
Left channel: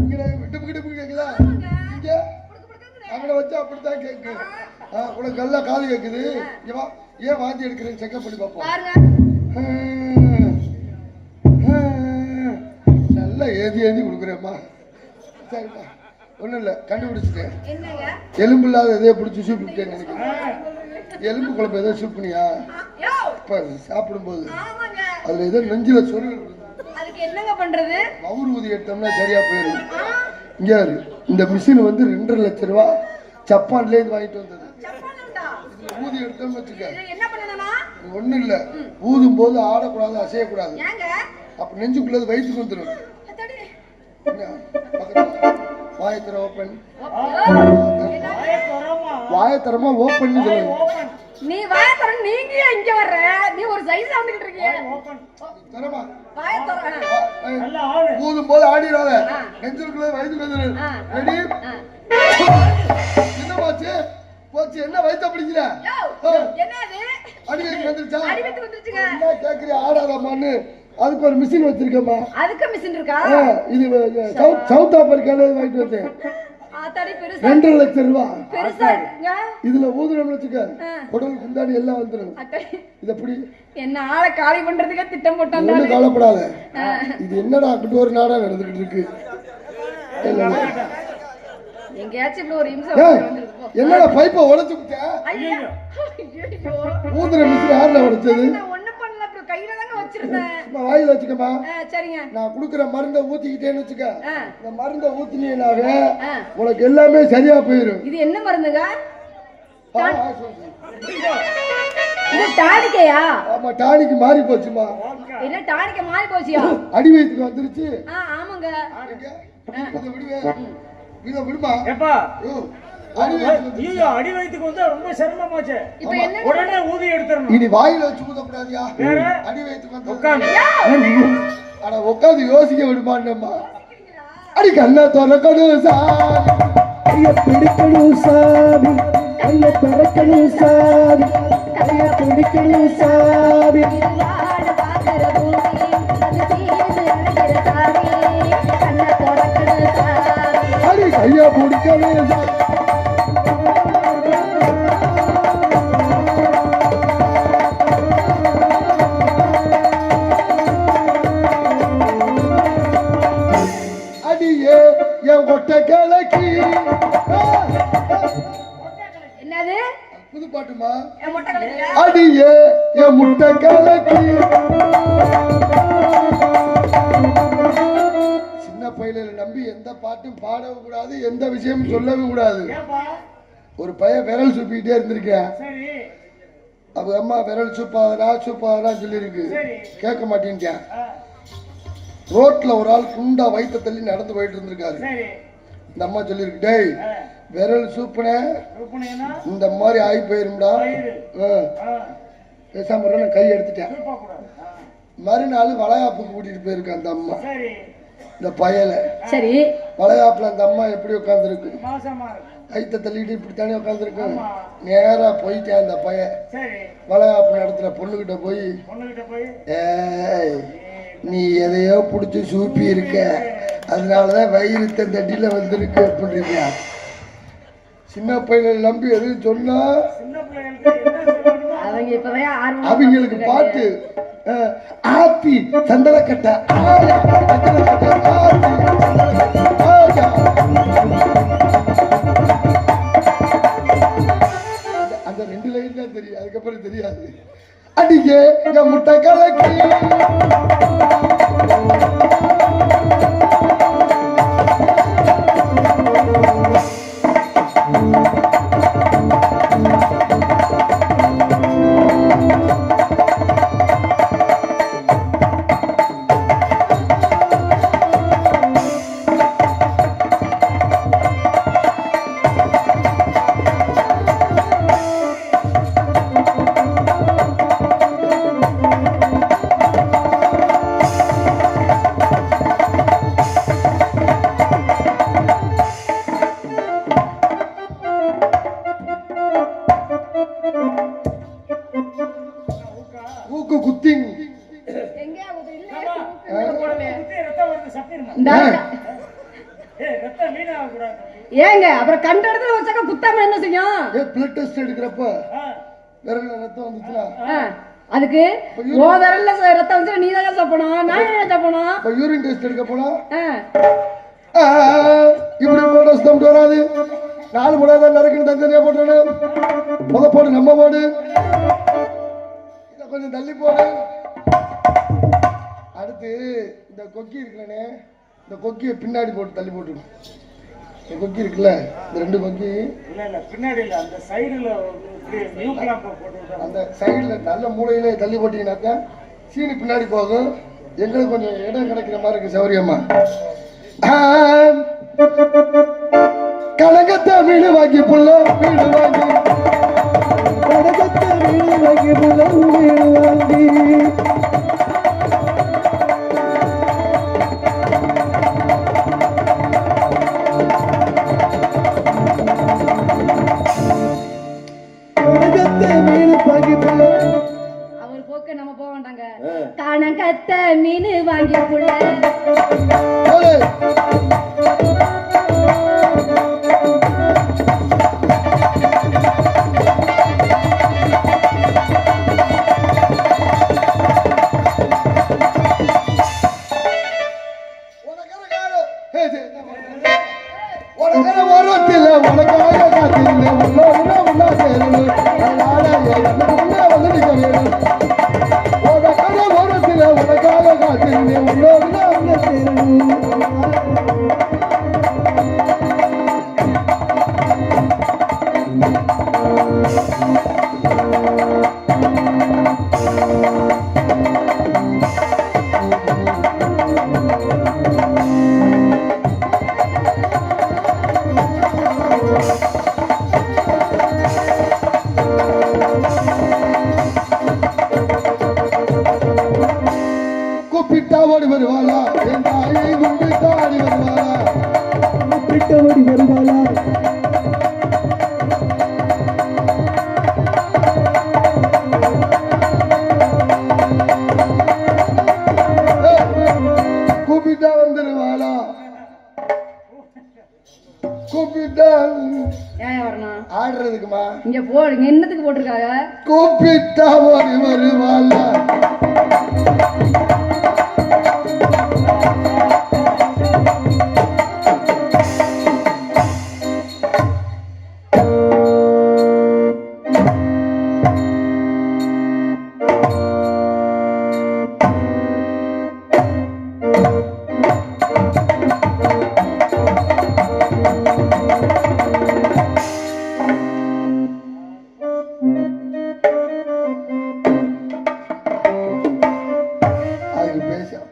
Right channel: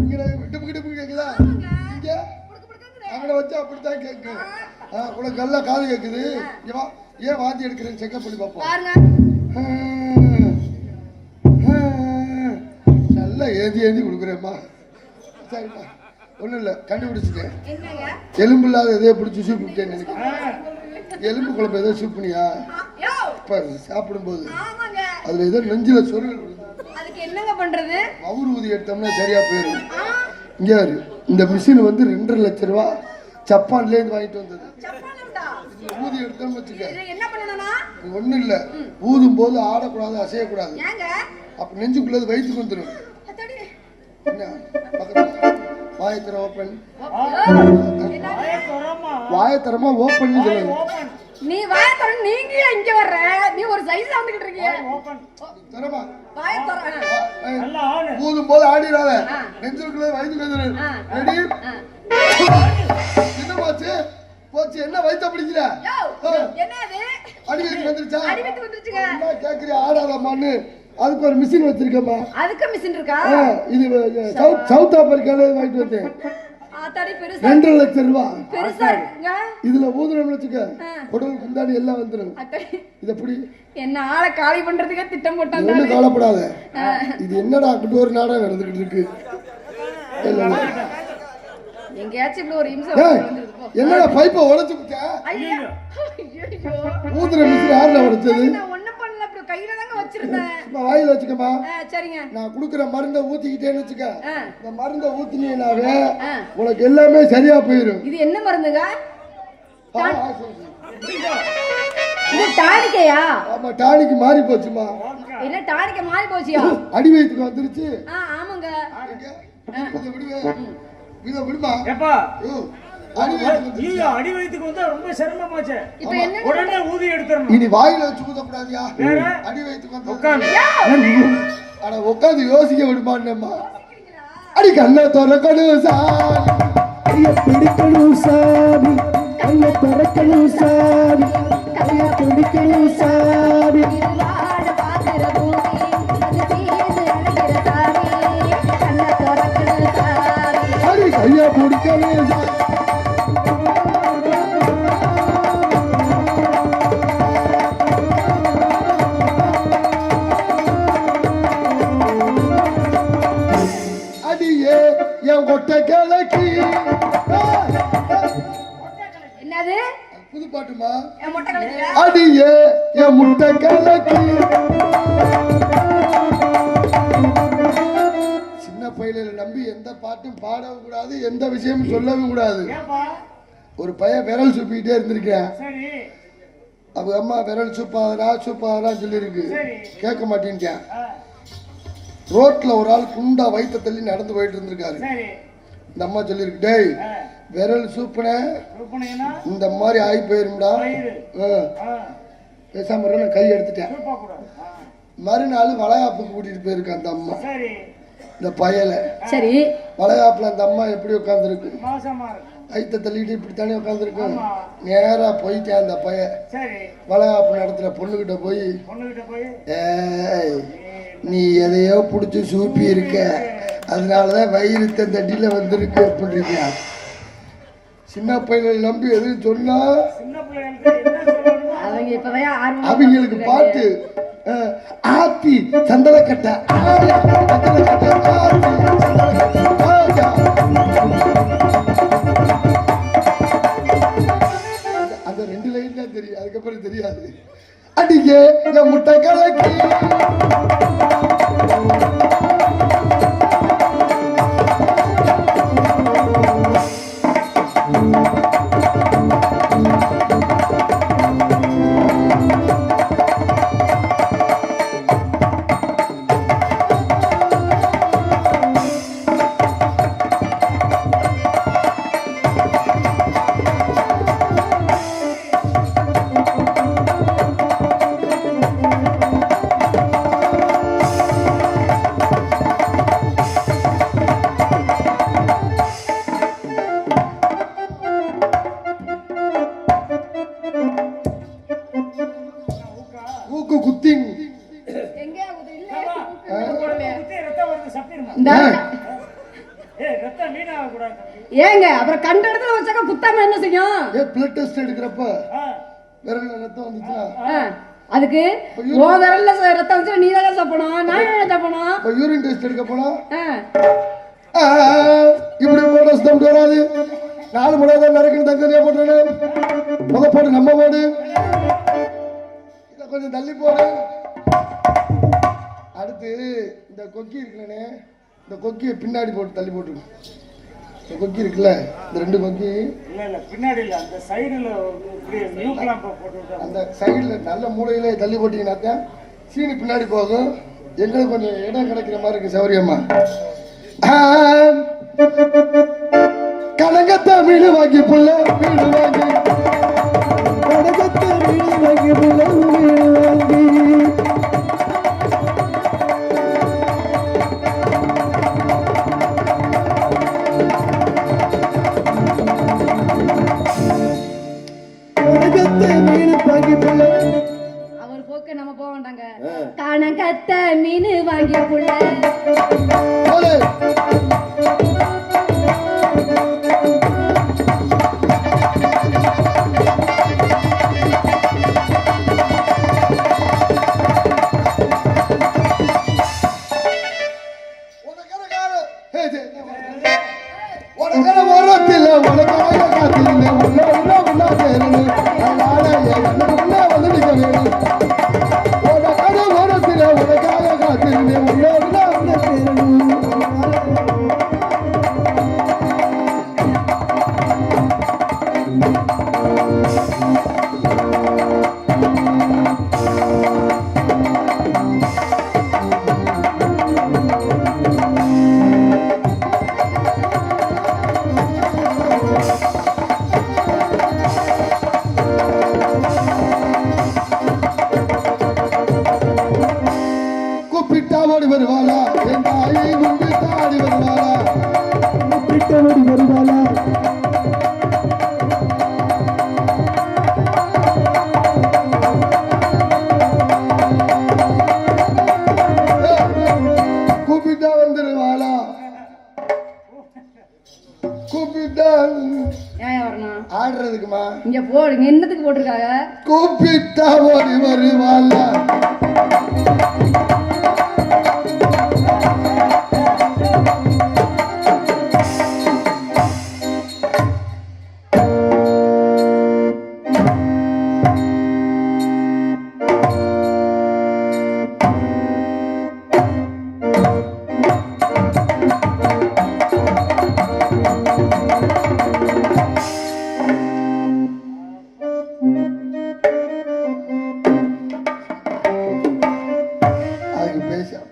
இங்கட டிப்புக்கு டிப்பு கேக்குதா? இங்க அங்கட வச்சா அப்படிதான் கேக்கு. உனக்கு நல்லா காது கேக்குது. இங்க வா. ஏன் வாந்தி எடுக்கிறேன்னு செக்அப் பண்ணி பாப்போம். பாருங்க. நல்லா ஏந்தி கொடுக்குறேம்மா. சரிப்பா ஒன்றும் இல்லை கண்டுபிடிச்சிட்டேன். எலும்பு இல்லாத எதையோ பிடிச்சி சூப் விட்டேன்னு நினைக்கிறேன். எலும்பு குழம்பு ஏதோ சூப் பண்ணியா? இப்போ சாப்பிடும்போது அதில் ஏதோ நெஞ்சில் சொருகள் என்னங்க பண்றது? மவுர் ஊதி எடுத்தோம்னா சரியா போயிடும். இங்கே இந்த மிஷின் வந்து 2.5 லட்சம் ரூபா ஜப்பான்லேருந்து வாங்கிட்டு வந்தது. ஊதி எடுத்தோம்னு வச்சுக்க. என்ன பண்ணணும்னா இது ஒண்ணும் இல்ல, ஊதும் போது ஆடக்கூடாது, அசையக்கூடாது. ஏங்க அப்ப நெஞ்சுக்குள்ளது வயிற்றுக்கு வந்துடும். அத்தாடி. என்ன பக்கத்துல வாயத்திர ஓப்பன், வாயத்திரமா ஓப்பன் சொல்லணும். நீ வாய தர, நீங்க ஏன் இங்க வர்ற? நீ ஒரு சைஸ் வந்துகிட்டு இருக்கீங்க. தரமா வாய தர. ஊதும் போது ஆடிடாத, நெஞ்சுக்குள்ளது வயிற்றுக்கு வந்துடும். ரெடி? என்ன போச்சு போச்சு, என்ன வயிற்ற பிடிக்கிற? என்னது? அடி வயிற்று வந்துருச்சா? அடி வயித்து வந்துருச்சுங்க. என்ன கேக்குறியா? ஆடாதம்மான்னு அதுக்கு ஒரு மிஷின் வச்சிருக்கேம்மா. அதுக்கு மிஷின் இருக்கா? இது சவுத் ஆப்பிரிக்கால வாங்கிட்டு வந்தேன். ஆத்தாடி பெருசா. 2 லட்சம் ரூபாய். பெருசா இருக்குங்க. இதுல ஊதுறோம்னு வச்சுக்க, குடல் குந்தாடி எல்லாம் வந்துடும். அத்தாடி. இது எப்படி? என்ன ஆளை காலி பண்றதுக்கே திட்டம் போட்டாங்க. ஒண்ணு கவலைப்படாத. இது என்னடா அப்படி ஒரு நாடா நடந்துகிட்டு இருக்கு. எங்கயாச்சும் இப்படி ஒரு இம்சம் என்னடா பைப்பை உடைச்சு விட்ட? ஐயோ ஊதுற மிஷின் யாருல உடைச்சது? நான் ஒண்ணு பண்ணல, அப்புறம் கையில தாங்க வச்சிருந்தேன். சும்மா வாயில வச்சுக்கமா. சரிங்க. நான் குடுக்குற மருந்தை ஊத்திக்கிட்டேன்னு வச்சுக்க, இந்த மருந்தை ஊத்தினீங்கனாவே உனக்கு எல்லாமே சரியா போயிடும். இது என்ன மருந்துங்க? இது டானிக்கையா? ஆமா, டானிக்கு மாறி போச்சுமா. என்ன டானிக்க மாறி போச்சியா? அடி வயிற்றுக்கு வந்துருச்சு. ஆமாங்க. இதை விடுவேன், இதை விடுமா. எப்பா அடி வயிற்றுக்கு வந்து ரொம்ப சிரமமாச்சு. இப்ப என்ன? உடனே ஊதி எடுத்துறணும். இனி வாயில வச்சு ஊதக்கூடாதியா? அடி வயிற்றுக்கு வந்து உட்காந்து. ஆனா உட்காந்து யோசிக்க விடுமான்னம்மா. அடி கண்ணா திறக்கணும் சாமி, கைய பிடிக்கணும் சாமி, கைய திறக்கணும் சாமி, கைய பிடிக்கணும் சாமி. அடி கைய பிடிக்கணும் சாமி. கொட்ட கிழக்கி. என்னது? புது பாட்டுமா? முட்டை அடியே என் முட்டை கிழக்கி. சின்ன பையில நம்பி எந்த பாட்டும் பாடவும் கூடாது, எந்த விஷயமும் சொல்லவும் கூடாது. ஒரு பையன் விரல் சூப்பிக்கிட்டே இருந்திருக்கேன். அவங்க அம்மா விரல் சூப்பாதா சொல்லியிருக்கு, கேட்க மாட்டேன்ட்டேன். ரோட்ல ஒரு ஆள் குண்டா வயிற்ற தள்ளி நடந்து போயிட்டு இருந்திருக்காரு. இந்த அம்மா சொல்லிருக்கு, டேய் விரல் சூப்புன இந்த மாதிரி ஆகி போயிரும்டா, பேசாம நான் கை எடுத்துட்டேன். மறுநாள் வளைகாப்புக்கு கூட்டிட்டு போயிருக்கு அந்த அம்மா. இந்த பயல சரி வளைகாப்புல அந்த அம்மா எப்படி உட்காந்துருக்கு, வயிற்ற தள்ளிட்டு இப்படித்தானே உட்காந்துருக்கு. நேரா போயிட்டேன் அந்த பையன். வளைகாப்பு நடத்துல பொண்ணுகிட்ட போய், ஏய் நீ எதையோ புடிச்சு சூப்பி இருக்க, அதனாலதான் வயிறு தண்டில வந்திருக்கு அப்படின்றீங்க. சின்ன பையனை நம்பி எதுவும் சொன்னா அவங்களுக்கு பாட்டு ஆத்தி சந்தனக்கட்டை, அந்த 2 லைன் தான் தெரியும், அதுக்கப்புறம் தெரியாது. அடிக்கே என் முட்டை கலக்கி. ஏங்க அப்புறம் கண்ட இடத்துல வச்சாக்க குத்தாம என்ன செய்யும்? பிளட் டெஸ்ட் எடுக்கிறப்ப விரல்ல ரத்தம் வந்துச்சுனா அதுக்கு ஓ விரல்ல ரத்தம் வந்துச்சு, நீ தான் சாப்பிடணும், நான் ஏன் சாப்பிடணும்? இப்ப யூரின் டெஸ்ட் எடுக்க போனா இப்படி போட ஸ்டம் வராது. 4 மணி நேரம் நறுக்குன்னு தனியா போட்டானே, முத போடு நம்ம போடு, இதை கொஞ்சம் தள்ளி போடு. அடுத்து இந்த கொக்கி இருக்கிறனே, இந்த கொக்கியை பின்னாடி போட்டு தள்ளி போட்டு கொக்கி இருக்குல்ல, இந்த 2 கொக்கி இல்ல பின்னாடி இல்ல அந்த சைடுல நியூக்லாம் போட்டு அந்த சைடுல நல்ல மூலையில தள்ளி போட்டீங்கன்னாக்கா சீனி பின்னாடி போகும். எங்களுக்கு கொஞ்சம் இடம் கிடைக்கிற மாதிரி இருக்கு சௌரியமா. கனகத்தை மீன் வாங்கி புள்ள வீடு வாங்கி, கனகத்தை மீன் வாங்கி புள்ள வீடு வாங்கி, அவர் போக்க நம்ம போக வேண்டாங்க. கனகத்த மீன் வாங்கி புள்ள உனக்காக காத்திருந்தேன் உள்ள உள்ள உள்ள சேரணும் உனக்காக காத்திருந்தேன் உள்ள உள்ள உள்ள சேரணும். கூப்பிட்டாவோடு வருவாளா என் தாயை கும்பிட்டாடி வருவாளா, கூப்பிட்டவோடு வருவாளா கூப்பிட்டா வந்துருவாளா, கூப்பிட்டா ஏன் வரணும் ஆடுறதுக்குமா, இங்க போடுங்க என்னத்துக்கு போட்டிருக்காங்க. கூப்பிட்டா ஓடி வருவாளா.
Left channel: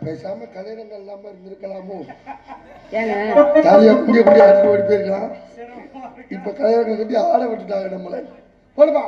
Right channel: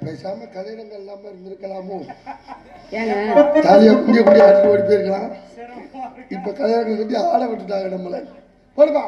பேசாம கல்யாணங்கள் இல்லாம இருந்திருக்கலாமோ, ஜாலியா குடிய குடிய ஆட்டு ஓடி போயிருக்கலாம். இப்ப கல்யாணம் கட்டி ஆட விட்டுட்டாங்க நம்மள. போடுமா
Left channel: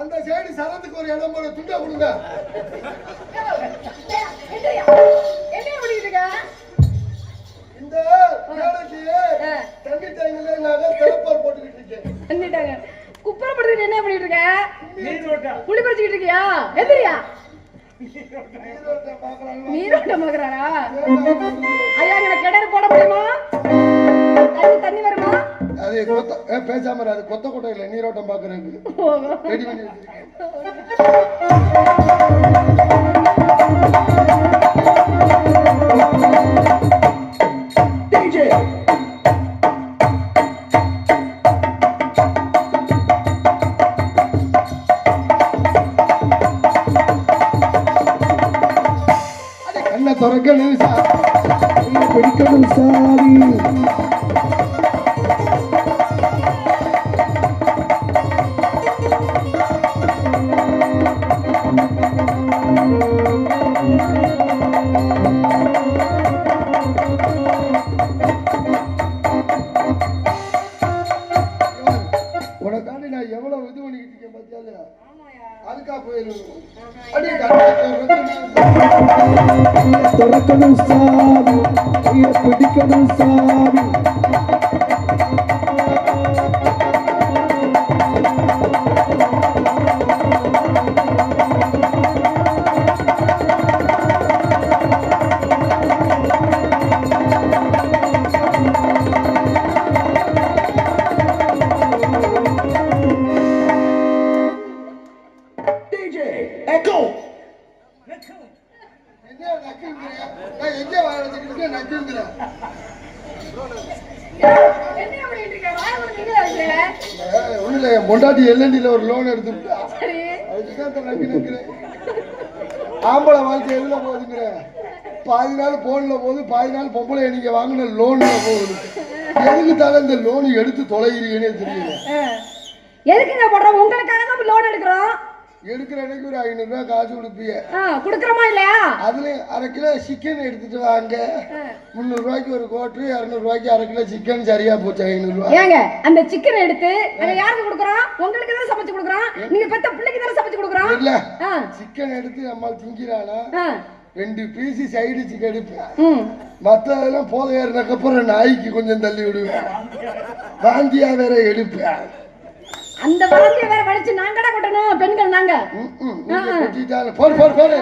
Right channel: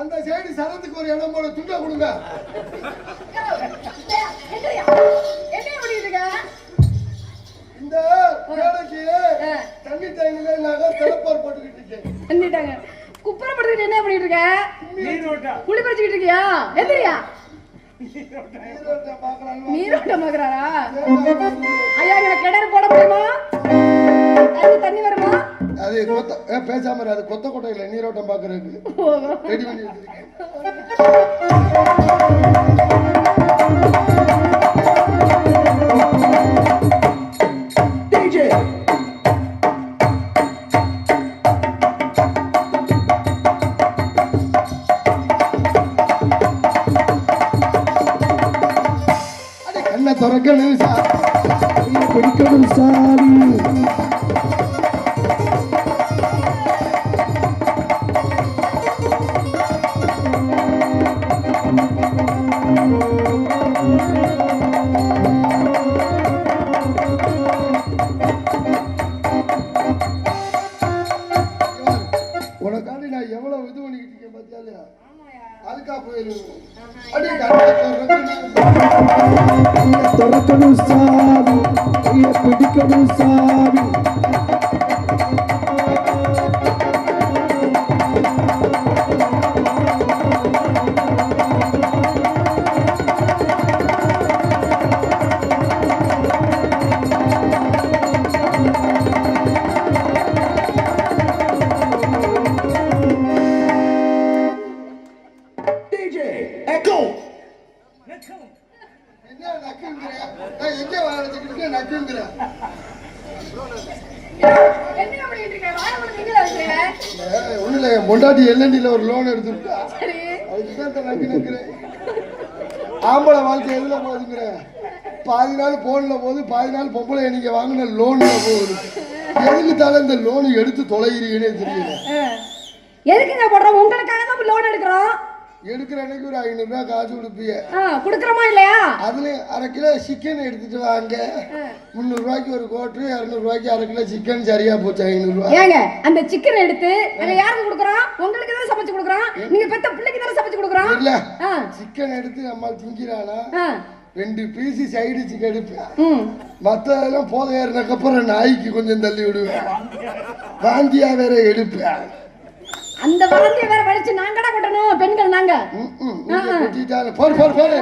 அந்த சைடு சரத்துக்கு ஒரு இடம் போட துண்டா கொடுங்க. இந்த வேலைக்கு தண்ணி டேங்கில நாங்க திறப்பார் போட்டுக்கிட்டு இருக்கேன். குப்பரை படுத்துக்கிட்டு என்ன பண்ணிட்டு இருக்க? குழி பறிச்சுக்கிட்டு இருக்கியா? எதிரியா நீரோட்டம் பாக்குறாரா? ஐயா எனக்கு கிணறு போட முடியுமா? தண்ணி வருமா? அது கொத்த பேசாம அது கொத்த கொட்டை இல்லை, நீரோட்டம் பாக்குறதுக்கு ரெடி பண்ணி வச்சிருக்கேன். கண்ணை திறக்கணும் சாமி, பிடிக்கணும் சாமி. உனக்காண்டி நான் எவ்வளவு இது பண்ணிக்கிட்டு இருக்கேன் பார்த்தாலே அதுக்கா போயிருவேன். திறக்கணும் சாமி, பிடிக்கணும் சாமி. எங்கே வாங்கிட்டு நக்குங்கிற என்ன பண்ணிட்டு இருக்க? வாயை மூடிட்டு இருக்கிற? ஒண்ணுல என் பொண்டாட்டி எல்என்டில ஒரு லோன் எடுத்துட்டா. சரி. அதுக்கு நக்கி நக்குறேன். ஆம்பளை வாழ்க்கை எதுல போகுதுங்கிற? பாதி நாள் போன்ல போகுது, பாதி நாள் பொம்பளை நீங்க வாங்கின லோன்ல போகுது. எதுக்கு தானே இந்த லோன் எடுத்து தொலைகிறீங்கன்னே தெரியல. எதுக்குங்க போடுறோம்? உங்களுக்காக தான் லோன் எடுக்கிறோம். எடுக்கிற அன்னைக்கு ஒரு 500 ரூபாய் காசு கொடுப்பீங்க. குடுக்கறோமா இல்லையா? அதுலயும் 1/2 கிலோ சிக்கன் எடுத்துட்டு வாங்க. 300 ரூபாய்க்கு ஒரு கோட்டு, 200 ரூபாய்க்கு 1/2 கிலோ சிக்கன் சரியா போச்சு. 500 ரூபாய். ஏங்க அந்த சிக்கன் எடுத்து நாங்க யாருக்கு கொடுக்குறோம்? உங்களுக்கு தானே சமைச்சு கொடுக்குறோம். நீங்க பெத்த பிள்ளைக்கு தானே சமைச்சு கொடுக்குறோம். இல்ல சிக்கன் எடுத்து நம்ம திங்கிறானா 2 பீஸ் சைடு சிக்கன் எடுப்பேன். மற்றதெல்லாம் போத ஏறினக்கு அப்புறம் நாய்க்கு கொஞ்சம் தள்ளி விடுவேன். வாந்தியா வேற எடுப்பேன். அந்த வாந்தியை வேற வலிச்சு நாங்கடா கொட்டணும் பெண்கள் நாங்க. போடு போடு போடு.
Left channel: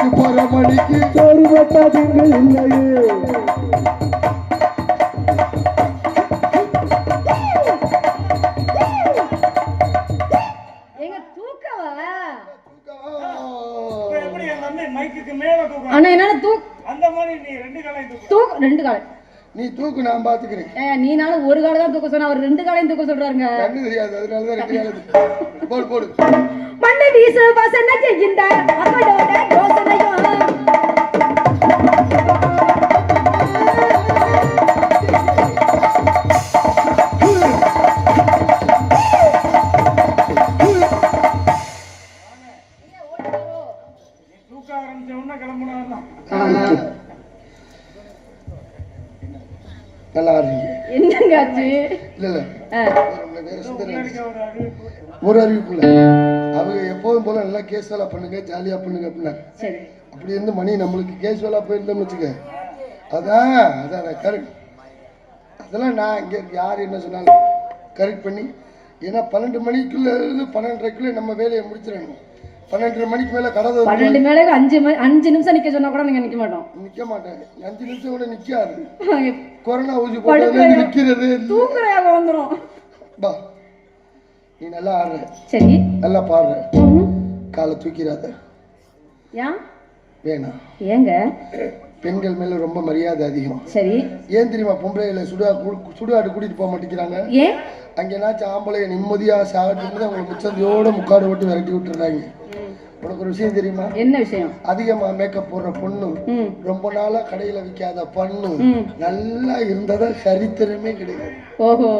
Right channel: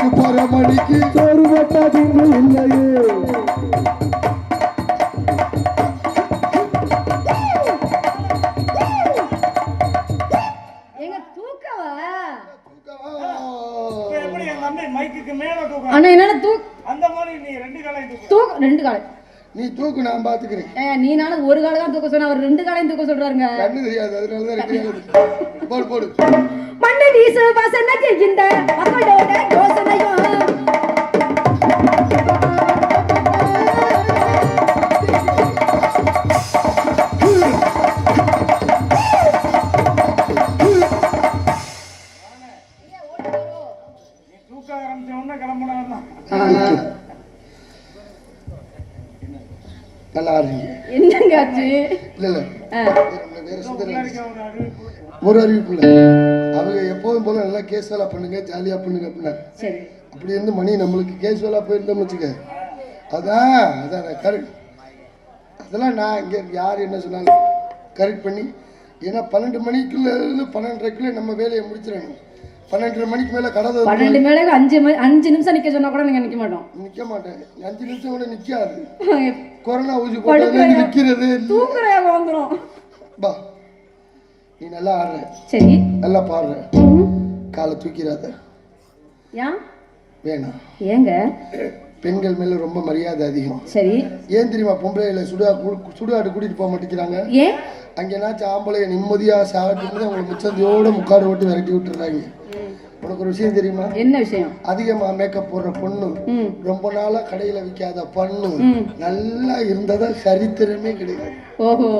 சுப்பரமணிக்கு சோறு போட்டாதீங்க இல்லையே. எங்க தூக்கவா? எப்படி எங்க அம்மா மைக்குக்கு மேல தூக்கம்? அண்ணா என்னால அந்த மாதிரி நீ 2 காலையும் தூக்கு 2 காலை. நீ தூக்கு, நான் பாத்துக்கிறேன். நீனாலும் ஒரு காலை தான் தூக்க சொன்ன, அவர் 2 காலையும் தூக்க சொல்றாருங்க. கண்ணு தெரியாது, அதனாலதான் 2 காலை. போடு போடு. மண்ணை வீசு வாசனை செய்கின்ற மக்களோட யோசனையும் தூக்க ஆரம்பிச்ச உடனே கிளம்பணும். நல்லா இருக்கீங்க. என்னங்க ஆச்சு? இல்ல இல்ல ஒரு அறிவிப்பு இல்ல. அவங்க எப்போதும் போல நல்லா கேஸ் வேலை பண்ணுங்க, ஜாலியா பண்ணுங்க அப்படின்னா அப்படி இருந்து மணி நம்மளுக்கு கேஸ் வேலை போயிருந்தோம்னு வச்சுக்க. அதான் அதான் கரெக்ட். அதெல்லாம் நான் இங்கே யார் என்ன சொன்னாலும் கரெக்ட் பண்ணி, ஏன்னா 12 மணிக்குள்ள இருந்து 12:30 நம்ம வேலையை முடிச்சிடணும். 12:30 மணிக்கு மேல கடை 12 மேல 5 நிமிஷம் நிக்க சொன்னா கூட நீங்க நிக்க மாட்டோம். நிக்க மாட்டேன். 5 நிமிஷம் கூட நிக்காது. கொரோனா ஊசி போட்டது நிக்கிறது தூக்குறாங்க வந்துரும். பா நீ நல்லா ஆடுற, சரி நல்லா பாடுற, காலை தூக்கிறாத. ஏன் வேணாம். ஏங்க? பெண்கள் மேல ரொம்ப மரியாதை அதிகம். சரி ஏன் தெரியுமா? பொம்பளைகளை சுடுகாடு கூட்டிட்டு போக மாட்டேங்கிறாங்க. ஏன்? அங்கேனாச்சும் ஆம்பளைய நிம்மதியா சாப்பிட்டு அவங்களை முச்சந்தியோட முக்காடு ஓட்டு விரட்டி விட்டுறாங்க. உனக்கு ஒரு விஷயம் தெரியுமா? என்ன விஷயம்? அதிகமா மேக்கப் போடுற பொண்ணு, ரொம்ப நாளா கடையில விற்காத பொண்ணு நல்லா இருந்ததா சரித்திரமே கிடையாது. ஓஹோ.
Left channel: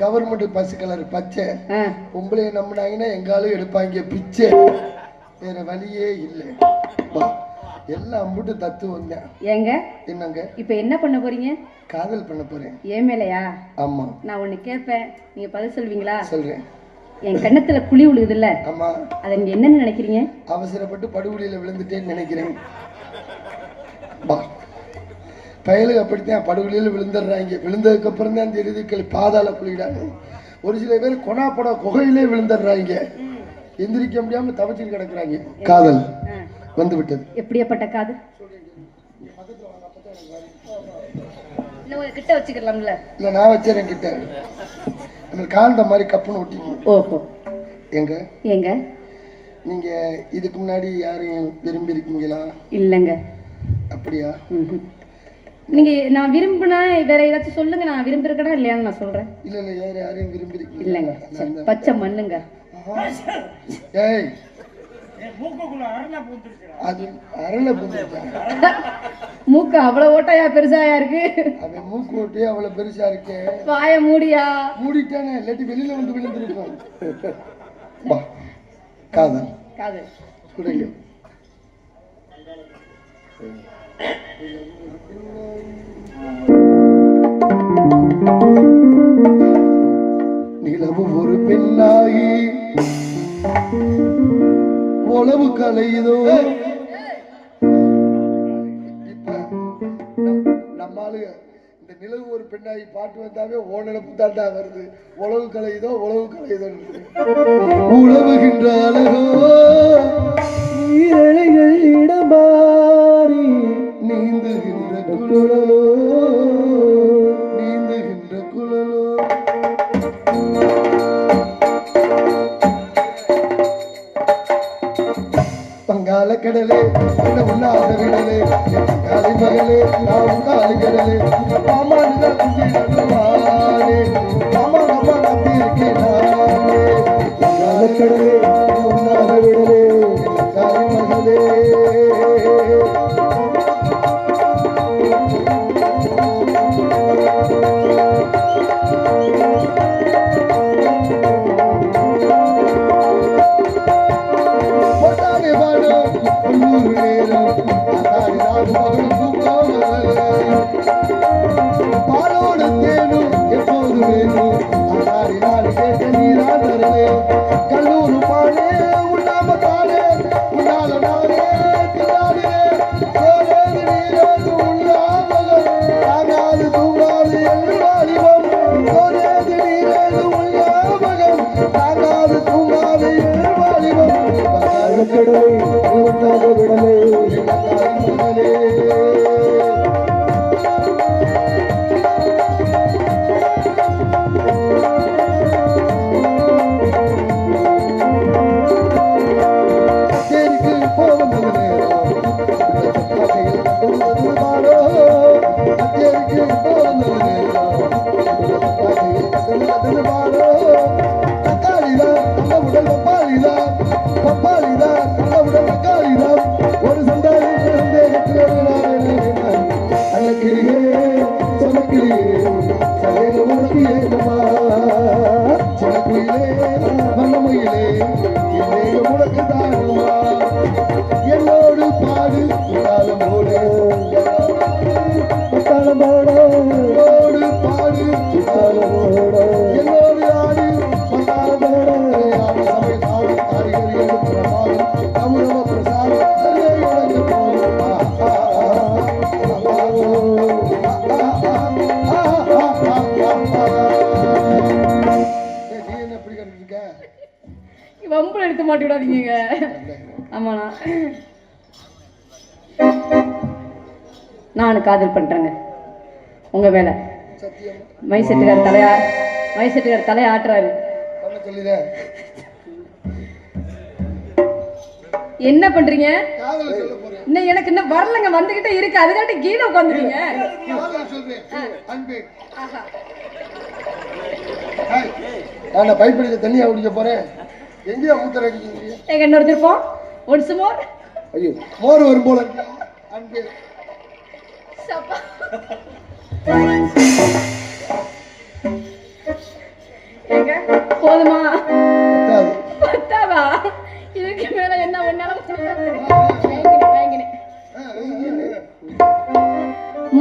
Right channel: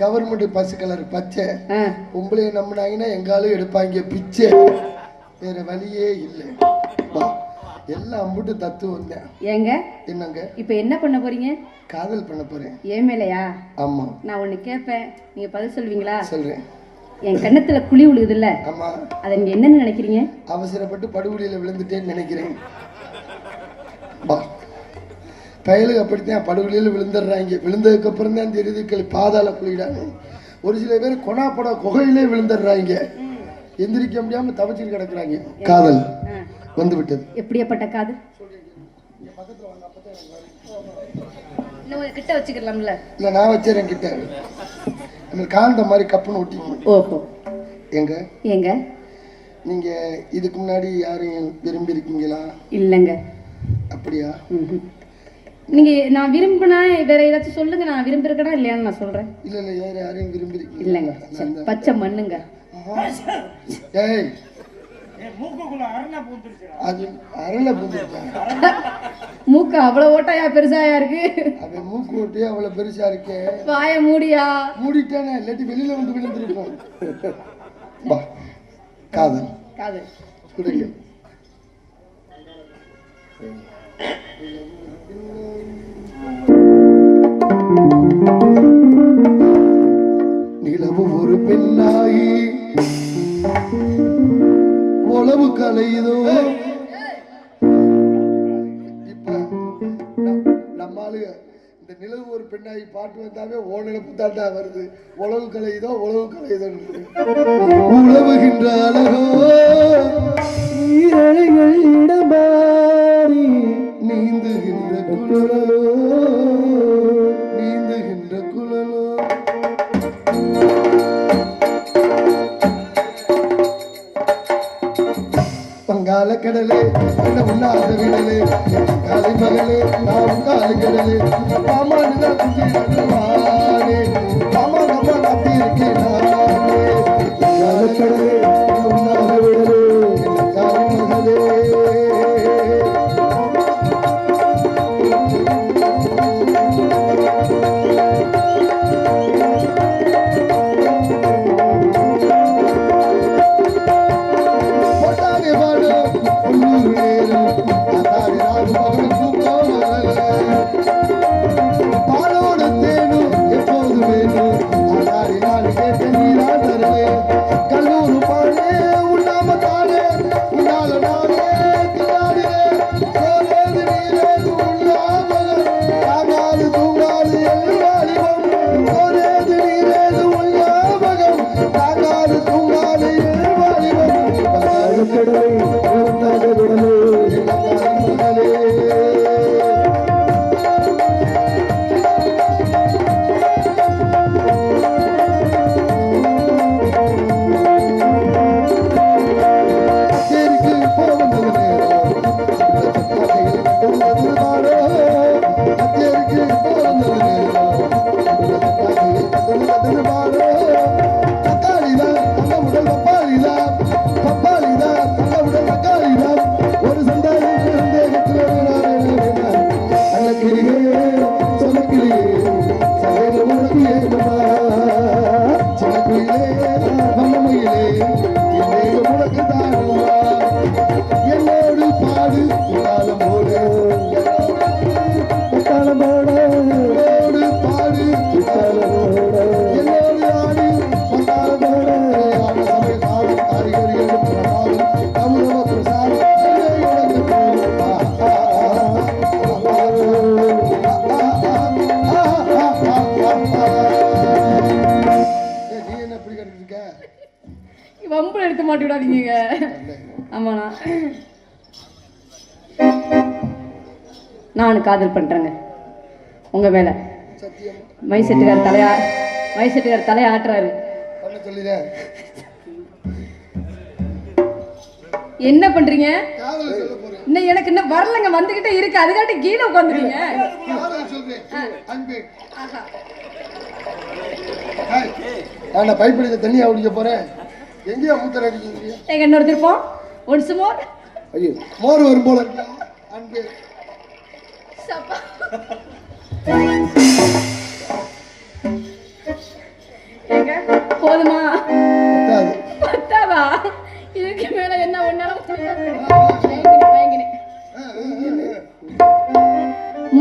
கவர்மெண்ட் பஸ் கலர் பச்சை பொம்பளைய நம்பினாங்கன்னா எங்காலும் எடுப்பாங்க பிச்சை. வேற வழியே இல்லை. எல்லாம் அம்புட்டு தத்துவம் தான். ஏங்க என்னங்க இப்ப என்ன பண்ண போறீங்க? காதல் பண்ண போறேன். ஏன் மேலையா? ஆமா. நான் ஒண்ணு கேட்பேன், நீங்க பதில் சொல்வீங்களா? சொல்றேன். என் கண்ணத்துல குழி விழுகுது இல்ல, ஆமா, அதை நீங்க என்னன்னு நினைக்கிறீங்க? அவசரப்பட்டு படுகொலியில விழுந்துட்டேன்னு நினைக்கிறேன். பயலுக்கு அப்படித்தான் படுகொலியில விழுந்துடுறாங்க. விழுந்ததுக்கு அப்புறம் தான் தெரியுது பாதாள குழிடாங்க. ஒரு சில பேர் கொனாப்பட குகையிலே விழுந்துடுறாங்க. எந்திரிக்க முடியாம தவச்சிட்டு கிடக்குறாங்க. காதல் வந்து விட்டது. எப்படியாப்பட்ட காதல்? கிட்ட வச்சுக்கலாம்ல? இல்ல நான் வச்சேன் கிட்ட. அந்த காந்த மாதிரி கப்புன்னு ஒட்டிங்க. ஓஹோ. எங்க எங்க நீங்க இதுக்கு முன்னாடி யாரையும் விரும்பி இருக்கீங்களா? இல்லங்க. அப்படியா? நீங்க நான் விரும்பினா வேற ஏதாச்சும் சொல்லுங்க. நான் விரும்பி இருக்கனா இல்லையான்னு நான் சொல்றேன். இல்ல இல்ல வேற யாரையும் விரும்பி இருக்கீங்க? இல்லங்க. பச்சை மண்ணுங்க. ஏய் மூக்குக்குள்ள அரளை பூந்துருச்சு. அது அரளை பூந்துருச்சா? மூக்கு அவ்வளவு ஓட்டையா பெருசாயா இருக்கு? அது மூக்கு ஓட்டையா அவ்வளவு பெருசா இருக்கு. வாய மூடியா? மூடிட்டானே, இல்லாட்டி வெளியில வந்து விழுந்துருக்கும். காதல் காதல் குடுங்க. நிலவு ஒரு பெண்ணாகி கலையுதோ. இப்ப நம்ம ஆளுங்க இந்த நிலவு ஒரு பெண்ணாகி பாட்டு வந்தாவே ஓநிலப்பு தாண்டா வருது. உழவு கலையுதோ உழவு கலையுதோ உழவுகின்ற அழகோ நீரலைகள் இடமாறி நீந்துகின்ற குழலோ நீந்துகின்ற குழலோ. பங்கால கடலே என்ன உண்ணாத விடலே காலை மகளே நான் காலை கடலே மாமா மாமா மாமா கத்தி இருக்கேன் பங்கால கடலே உண்ணாத விடலே காலை மகளே. பாலோடு தேனும் எப்போது வேணும் ஆனாரி நாடு கேட்க நீராடலே கல்லூரு பாடே உண்ணாம தானே உண்ணால நாடே தின்னாடே சோழது நீரது உள்ளாமலம் தாங்காது தூங்காது எல்லாரிவம் சோழது நீரது உள்ளாமலம் தாங்காது தூங்காது எல்லாரிவம் கடலை உண்டாக விடலே ஒரு சண்டாளி என்னோடு பாடு காலமோடு என்னோடு பாடு என்னோடு ஆடி காலமோடு சபை பாடும் காரிகர்கள் கௌரவ பிரசாத் வம்பு எடுத்து மாட்டிவிடாதீங்க. ஆமாண்ணா நான் காதல் பண்றேங்க. உங்க வேலை மைசெட்டுக்கார் தலையை ஆட்டுறாரு. என்ன பண்றீங்க? இன்னும் எனக்கு இன்னும் வரலங்க, வந்துகிட்டே இருக்கு. அதுக்காட்டி கீழே உட்காந்துருங்க. நான் பைப்பிடிக்க தண்ணியா குடிக்க போறேன். எங்கேயா மூத்தர் அடிக்கிறீங்க? எங்க இன்னொரு திருப்பம் ஒரு சுமார் ஐயோ மோர் வரும் போல அன்பே. போதுமா? பத்தாதா? இதுக்கு மேல என்ன ஒன்னால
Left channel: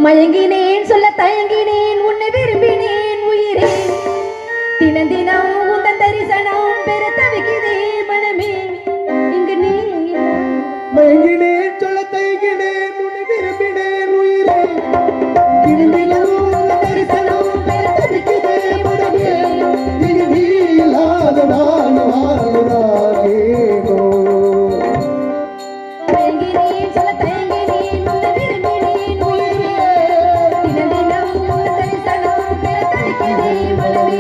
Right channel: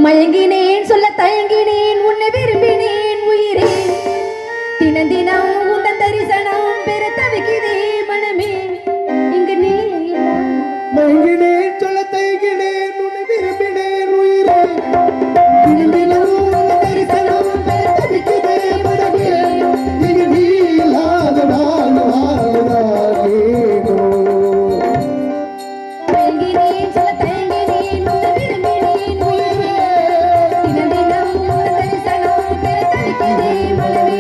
மயங்கினேன் சொல்ல தயங்கினேன் உன்னை விரும்பினேன் உயிரே தினம் தினம் உந்தன் தரிசனம் பெரு தவிக்குதே மனமே இங்கு நீ மயங்கினேன் சொல்ல தயங்கினேன் உன்னை விரும்பினேன் உயிரே தினம் தினம் உந்தன் தரிசனம் பெரு தவிக்குதே மனமே இங்கு நீ இல்லாத நான் வாழ்வானேனோ. மயங்கினேன் சொல்ல தயங்கினேன் உன்னை விரும்பினேன் உயிரே தினம் தினம் உந்தன் தரிசனம் பெரு தவிக்குதே மனமே.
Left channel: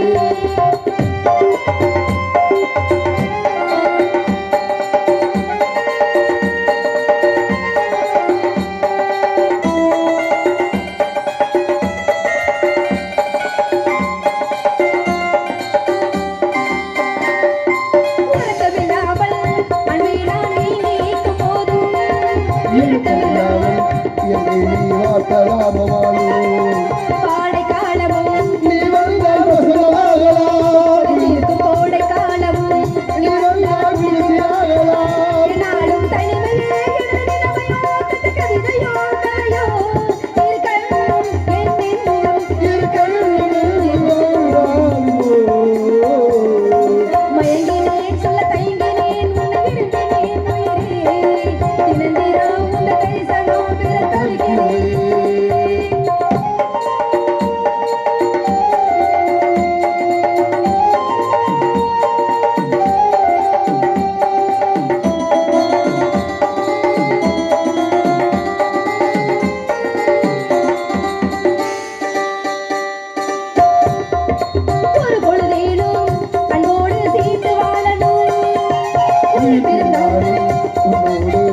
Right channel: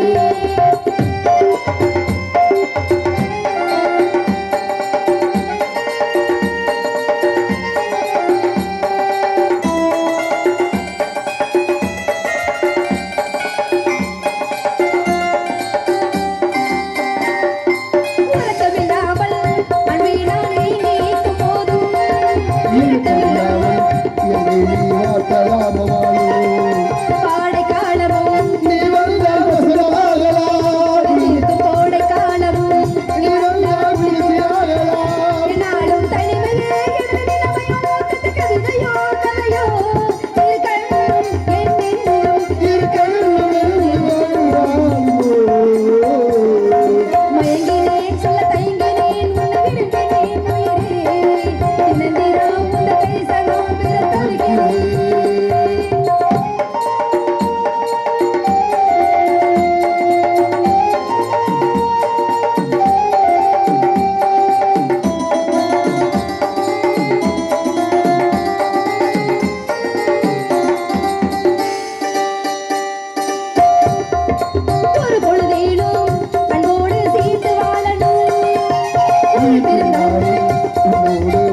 உன்னோடு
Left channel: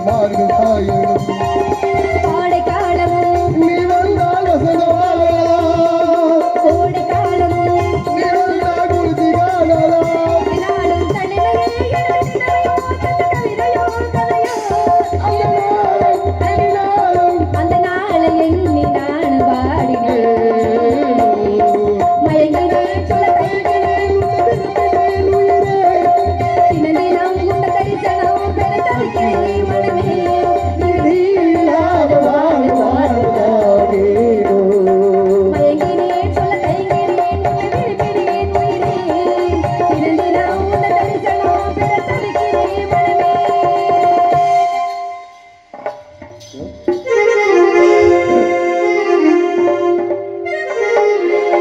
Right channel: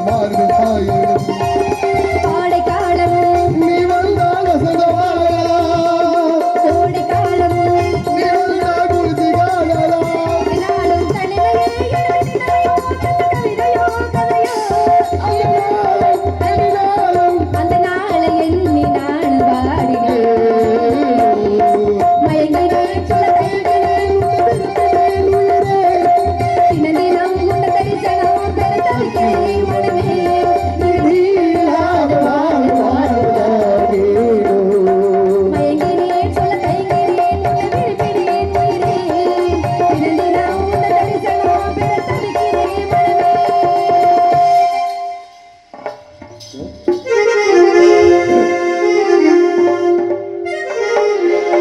மார்பு சாயும் ஆடை காலமும் நீ வந்தால் வசந்த வாழலாம் கோடை காலமும் நீ வந்தால் குருதி காணலாம் நாளும் தனிமையே எனது நினைவோ கவிதையோ கதையோ அந்த நாளை எண்ணி நான் வாடினேன் மயங்கினேன் சொல்ல தைக்கிறேன் தினதினம் இந்த தரிசனம் பெற தவிக்கிறேன் மனமே மயங்கினேன் சொல்ல தைக்கிறேன் விழிக்கிறேன் உயிரே தினதினம் இந்த தரிசனம் பெற தவிக்கிறேன் மனமே